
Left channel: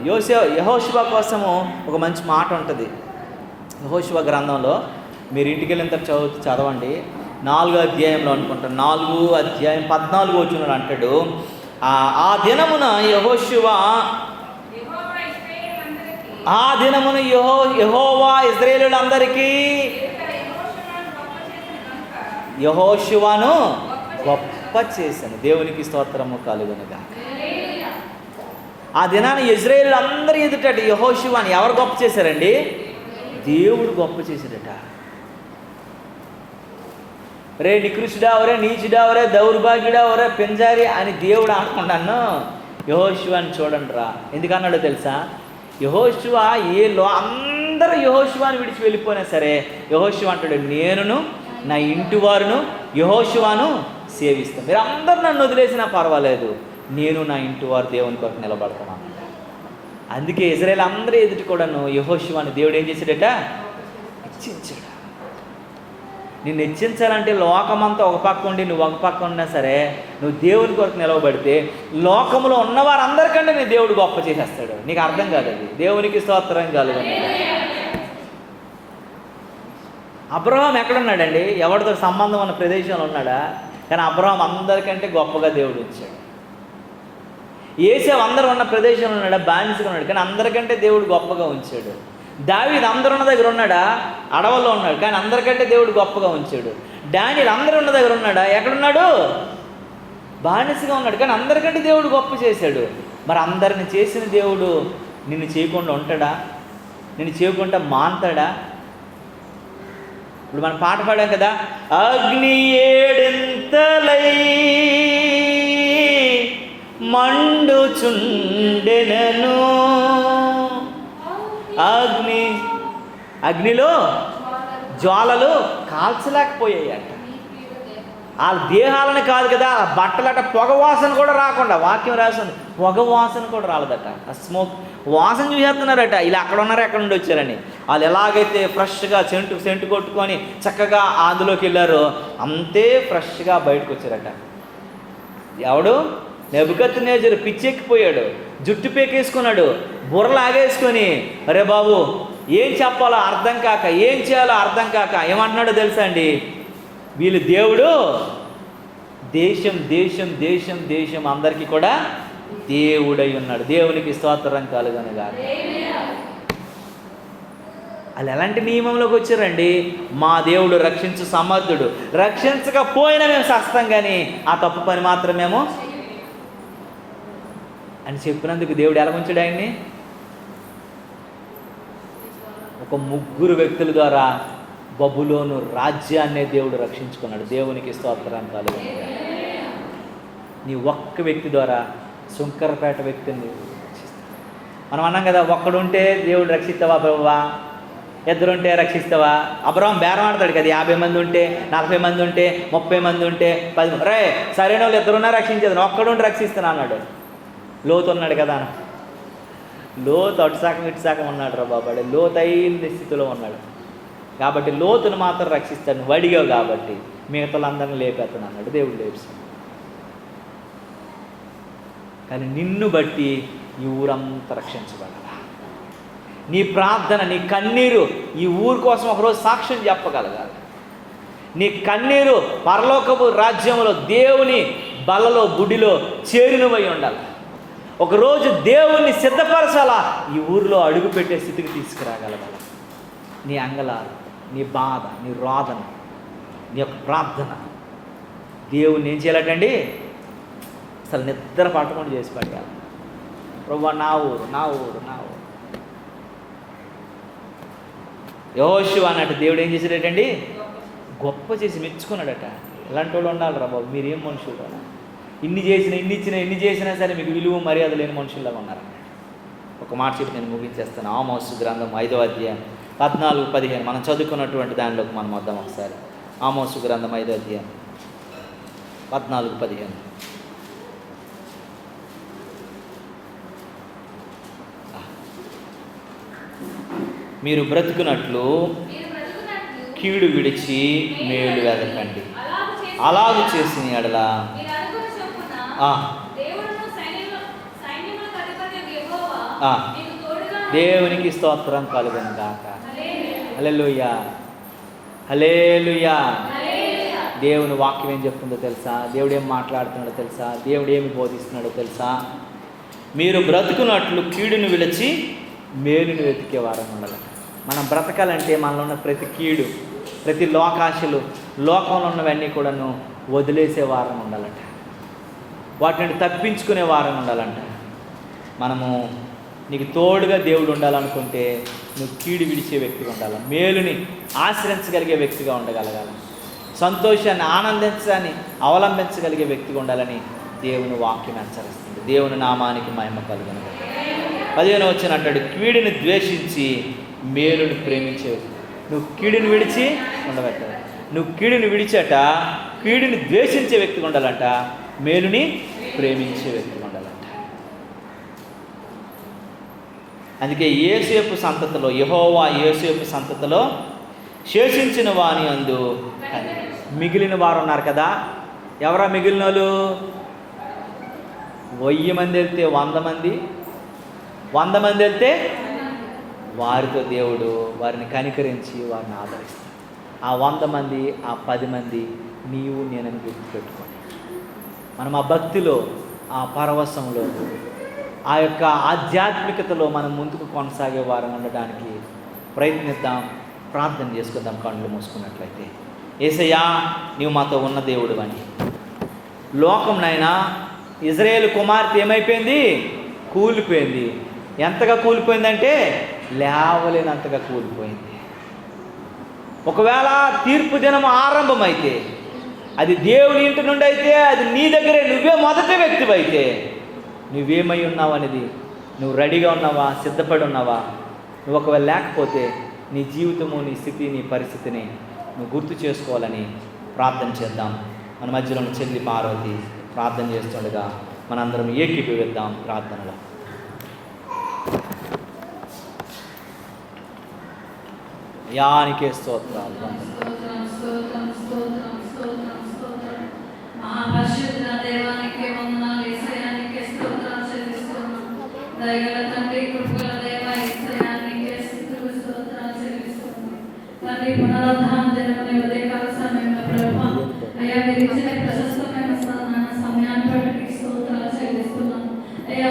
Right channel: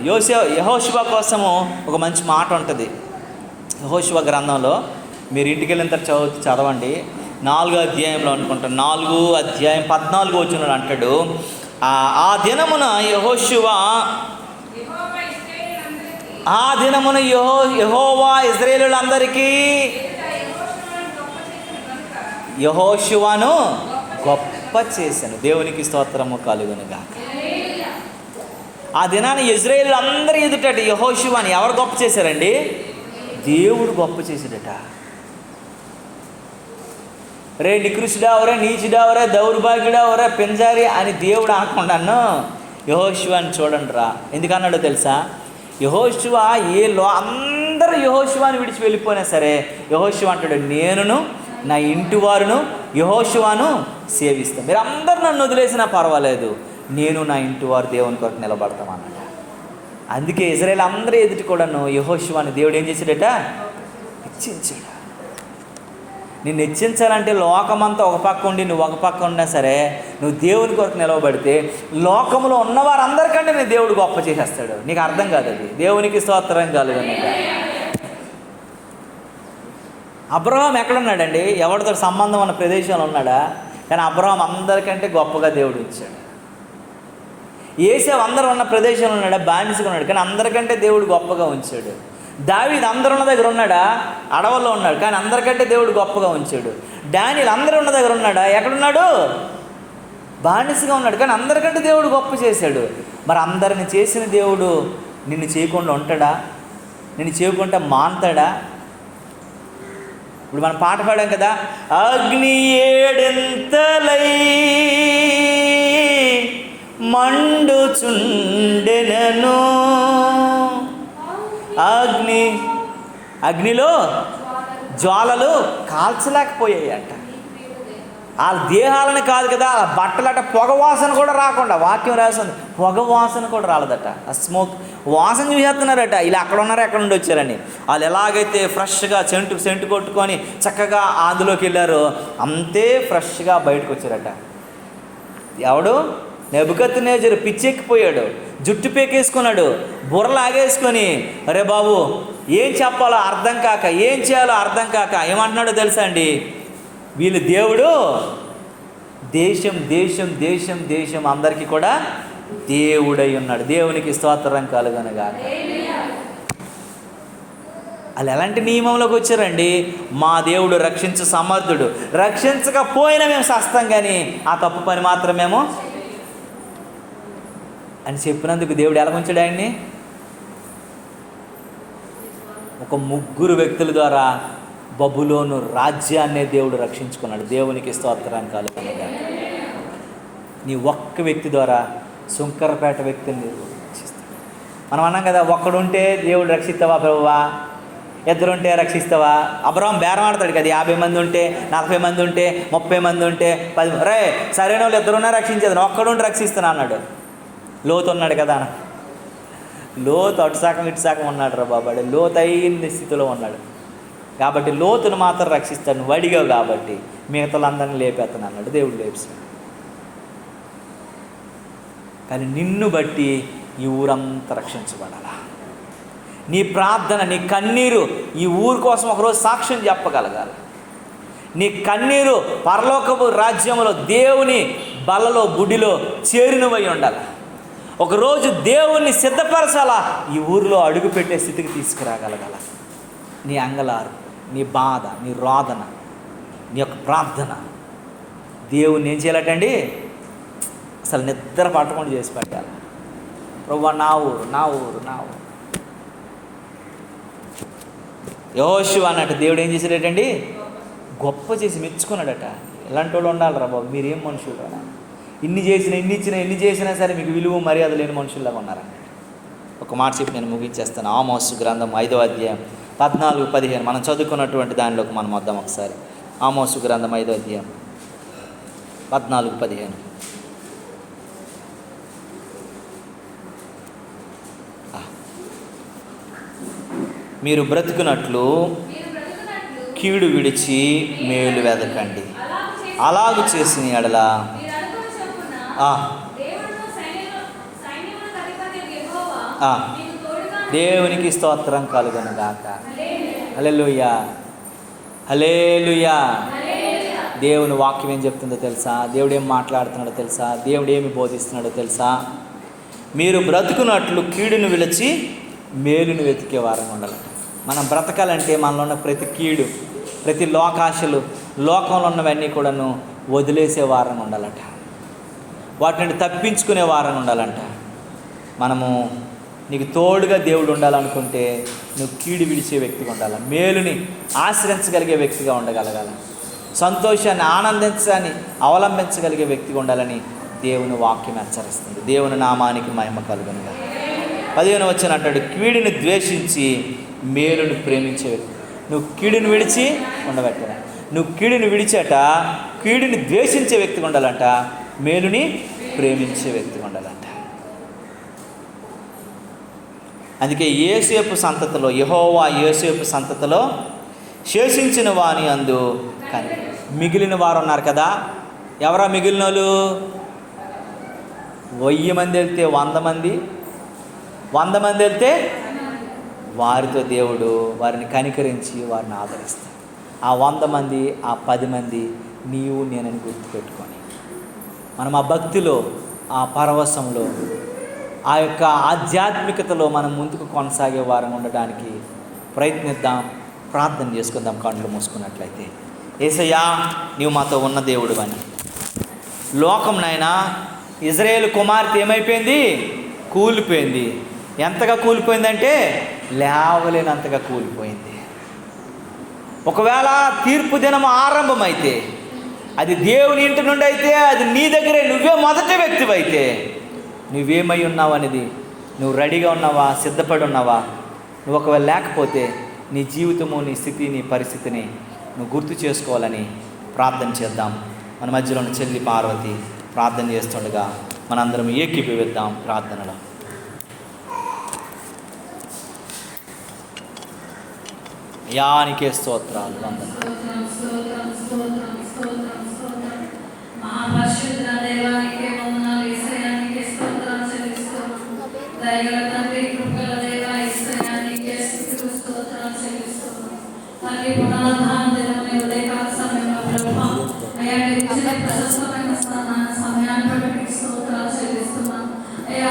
యెహోషువ కోసము ఒక మంచి మాట ఉంటుంది యెహోషువ గ్రంథంలో. మీరు ఇంటికి వెళ్ళిన తర్వాత చదవండి. 4వ అధ్యాయంలో అనుకుంటాను, 4వ అధ్యాయం 14వ వచనం అంటాడు, ఆ దినమున యెహోవా ఇశ్రాయేలులందరికీ యెహోషువను గొప్ప చేశాను. దేవునికి స్తోత్రము కలుగునుగాక. ఆ దినాన్ని ఇశ్రాయేలులందరూ ఎదుటట యెహోషువని ఎవరు గొప్ప చేశారండి? దేవుడు గొప్ప చేశాడట. రే నికృష్టుడా, ఒరే నీచుడా, ఒరే దౌర్భాగ్యుడా, ఒరే పింజారి అని దేవుడు అనుకున్నాను. యెహోషువని చూడండి రా. ఎందుకన్నాడో తెలుసా? యెహోషువ అందరూ యెహోషువని విడిచి వెళ్ళిపోయినా సరే యెహోషువ అంటాడు, నేనును నా ఇంటి వారును యెహోషువను సేవిస్తాను. మీరు అందరూ నన్ను వదిలేసినా పర్వాలేదు, నేను నా ఇంటి వారు దేవుని కొరకు నిలబడతాను అన్నాడు. అందుకే ఇశ్రాయేలు అందరూ ఎదుటి కూడాను యెహోషువను దేవుడు ఏం చేశాడట? హెచ్చించాడు. నిన్ను హెచ్చించాలంటే లోకమంతా ఒక పక్క ఉండి నువ్వు ఒక పక్క ఉన్నా సరే, నువ్వు దేవుని కొరకు నిలవబడితే లోకంలో ఉన్నవారందరికంటే నీ దేవుడు గొప్ప చేసేస్తాడు. నీకు అర్థం కాదు అది. దేవునికి స్తోత్రం కలుగును. అబ్రహాం ఎక్కడున్నాడండి? ఎవరితో సంబంధం ఉన్న ప్రదేశంలో ఉన్నాడా? కానీ అబ్రహాం అందరికంటే గొప్పగా దేవుడు ఉంచాడు. ఏసేవ్ అందరూ ఉన్న ప్రదేశంలో ఉన్నాడా? బానిసగా ఉన్నాడు, కానీ అందరికంటే దేవుడు గొప్పగా ఉంచాడు. దావీదు అందరూ ఉన్న దగ్గర ఉన్నాడా? అడవుల్లో ఉన్నాడు, కానీ అందరికంటే దేవుడు గొప్పగా ఉంచాడు. డానియేలు అందరూ ఉన్న దగ్గర ఉన్నాడా? ఎక్కడున్నాడు? బానిసగా ఉన్నాడు, కానీ అందరికంటే దేవుడు గొప్ప చేశాడు. మరి అందరిని చేసిన దేవుడు నిన్ను చేయకుండా ఉంటాడా? నిన్ను చేయకుండా మాన్తాడా? ఇప్పుడు మనం పాట పాడాం కదా, అగ్ని ఏడెంతలై మండుచుండెనను, అగ్నిలో జ్వాలలు కాల్చలేకపోయాయి అంట. ఆ దేహాలను కాదు కదా, ఆ బట్టలట పొగ వాసన కూడా రాకుండా, వాక్యం రాసింది పొగ వాసన కూడా రాలేదట. ఆ స్మోక్ వాసన చూసేస్తున్నారట. ఇలా అక్కడ ఉన్నారు, ఎక్కడ నుండి వచ్చారని. వాళ్ళు ఎలాగైతే ఫ్రెష్గా సెంటు కొట్టుకొని చక్కగా అందులోకి వెళ్ళారో అంతే ఫ్రెష్గా బయటకు వచ్చారట. ఎవడు? నెబుకద్నెజరు పిచ్చెక్కిపోయాడు, జుట్టు పేకేసుకున్నాడు, బుర్రలాగేసుకొని, అరే బాబు ఏం చెప్పాలో అర్థం కాక, ఏం చేయాలో అర్థం కాక ఏమంటున్నాడో తెలుసా అండి? వీళ్ళు దేవుడు దేశం దేశం దేశం దేశం అందరికీ కూడా దేవుడై ఉన్నాడు. దేవునికి స్తోత్రం కలుగునుగాక. వాళ్ళు ఎలాంటి నియమంలోకి వచ్చారండి? మా దేవుడు రక్షించు సమర్థుడు, రక్షించకపోయినా మేము సస్తాం, కానీ ఆ తప్పు పని మాత్రమేమో అని చెప్పినందుకు దేవుడు ఎలా ఉంచాడు ఆయన్ని? ఒక 3 వ్యక్తుల ద్వారా బబులోను రాజ్యాన్నే దేవుడు రక్షించుకున్నాడు. దేవునికి స్తోత్రాన్ని కలుగుతుంది. నీ ఒక్క వ్యక్తి ద్వారా శంకరపేట వ్యక్తిని రక్షిస్తాడు. మనం అన్నాం కదా, ఒక్కడుంటే దేవుడు రక్షిస్తావా ప్రభువా, 2 ఉంటే రక్షిస్తావా? అబ్రహాం బేరం ఆడతాడు కదా, 50 మంది ఉంటే, 40 మంది ఉంటే, 30 మంది ఉంటే, 10 రే సరైన వాళ్ళు 2 ఉన్నా రక్షించేది, ఒక్కడుంటే రక్షిస్తాను అన్నాడు. లోతు ఉన్నాడు కదా, లోతు అటుసాకం ఇటుసాకం ఉన్నాడు రా బాబాడు, లోతైన స్థితిలో ఉన్నాడు కాబట్టి లోతును మాత్రం రక్షిస్తాడు. నువ్వు అడిగావు కాబట్టి మిగతాలందరినీ లేపేస్తాను అన్నాడు. దేవుడు లేపాడు. కానీ నిన్ను బట్టి ఈ ఊరంతా రక్షించబడాల. నీ ప్రార్థన, నీ కన్నీరు ఈ ఊరు కోసం ఒకరోజు సాక్ష్యం చెప్పగలగాలి. నీ కన్నీరు పరలోకపు రాజ్యంలో దేవుని బలలో గుడిలో చేరినవై ఉండాలి. ఒకరోజు దేవుణ్ణి సిద్ధపరచాలా, ఈ ఊరిలో అడుగుపెట్టే స్థితికి తీసుకురాగలగాల. నీ అంగలారు, నీ బాధ, నీ రోదన, నీ యొక్క ప్రార్థన దేవుణ్ణి ఏం చేయాలటండి? అసలు నిద్ర పట్టకుండా చేసి పెట్టాలి. ప్రభువా నా ఊరు, నా ఊరు, నా ఊరు. యెహోషువ అన్నట్టు దేవుడు ఏం చేశాడటండి? గొప్ప చేసి మెచ్చుకున్నాడట. ఇలాంటి వాళ్ళు ఉండాలి రా బాబు, మీరేం మనుషులు, ఇన్ని చేసినా సరే మీకు విలువ మర్యాద లేని మనుషుల్లాగా ఉన్నారండి. ఒక మాట చెప్పి నేను ముగించేస్తాను. ఆమోసు గ్రంథం 5వ అధ్యాయం 14-15 మనం చదువుకున్నటువంటి దానిలోకి మనం వద్దాం ఒకసారి. ఆమోసు గ్రంథం 5వ అధ్యాయం 14-15. మీరు బ్రతుకున్నట్లు కీడు విడిచి మేలు వెదకండి, అలాగు చేసిన ఎడల దేవునికి స్తోత్రం కలుగును గాక. హల్లెలూయా, హల్లెలూయా. దేవుని వాక్యం ఏం చెప్తుందో తెలుసా? దేవుడు ఏం మాట్లాడుతున్నాడో తెలుసా? దేవుడు ఏమి బోధిస్తున్నాడో తెలుసా? మీరు బ్రతుకున్నట్లు కీడును విడిచి మేలును వెతికే వారం ఉండాలి. మనం బ్రతకాలంటే మనలో ఉన్న ప్రతి కీడు, ప్రతి లోకాశలు, లోకంలో ఉన్నవన్నీ కూడాను వదిలేసే వారం ఉండాలంట. వాటిని తప్పించుకునే వారం ఉండాలంట. మనము నీకు తోడుగా దేవుడు ఉండాలనుకుంటే నువ్వు కీడు విడిచే వ్యక్తిగా ఉండాలి, మేలుని ఆశ్రయించగలిగే వ్యక్తిగా ఉండగలగాలి, సంతోషాన్ని ఆనందించాన్ని అవలంబించగలిగే వ్యక్తిగా ఉండాలని దేవుని వాక్యం హెచ్చరిస్తుంది. దేవుని నామానికి మహిమ కలుగును. 15వ వచనం అంటాడు, కీడుని ద్వేషించి మేలుని ప్రేమించే వ్యక్తి. నువ్వు కీడుని విడిచి ఉండబట్టాల. నువ్వు కీడుని విడిచాట కీడుని ద్వేషించే వ్యక్తిగా ఉండాలంట, మేలుని ప్రేమించే వ్యక్తిగా ఉండాలంట. అందుకే యోసేపు సంతతిలో, యెహోవా యోసేపు సంతతిలో శేషించిన వాని అందు కానీ మిగిలిన వారు ఉన్నారు కదా. ఎవరా మిగిలిన వాళ్ళు? 1000 మంది వెళ్తే 100 మంది, 100 మంది వెళ్తే వారితో దేవుడు వారిని కనికరించి వారిని ఆదరిస్తాడు. ఆ 100 మంది, ఆ 10 మంది నీవు నేనని గుర్తుపెట్టుకొని మనం ఆ భక్తిలో, ఆ పరవశంలో, ఆ యొక్క ఆధ్యాత్మికతలో మనం ముందుకు కొనసాగే వారం ఉండడానికి ప్రయత్నిద్దాం. ప్రార్థన చేసుకుందాం కళ్ళు మూసుకున్నట్లయితే. యేసయ్యా, నీవు మాతో ఉన్న దేవుడు అని. లోకం నాయనా, ఇజ్రాయేలు కుమార్తె ఏమైపోయింది? కూలిపోయింది. ఎంతగా కూలిపోయిందంటే లేవలేనంతగా కూలిపోయింది. ఒకవేళ తీర్పు దినం ఆరంభమైతే, అది దేవుని ఇంటి నుండి అయితే, అది నీ దగ్గరే, నువ్వే మొదటి వ్యక్తివైతే నువ్వేమై ఉన్నావు అనేది, నువ్వు రెడీగా ఉన్నావా, సిద్ధపడి ఉన్నావా? నువ్వు ఒకవేళ లేకపోతే నీ జీవితము, నీ స్థితి, నీ పరిస్థితిని నువ్వు గుర్తు చేసుకోవాలని ప్రార్థన చేద్దాం. మన మధ్యలో చెల్లి పార్వతి ప్రార్థన చేస్తుండగా మనందరం ఏకీభవిద్దాం ప్రార్థనలో. యానికే స్తోత్రాలు. సమయాన్ని బట్టి స్తోత్రాలు చెల్లిస్తున్నాను అయ్యా.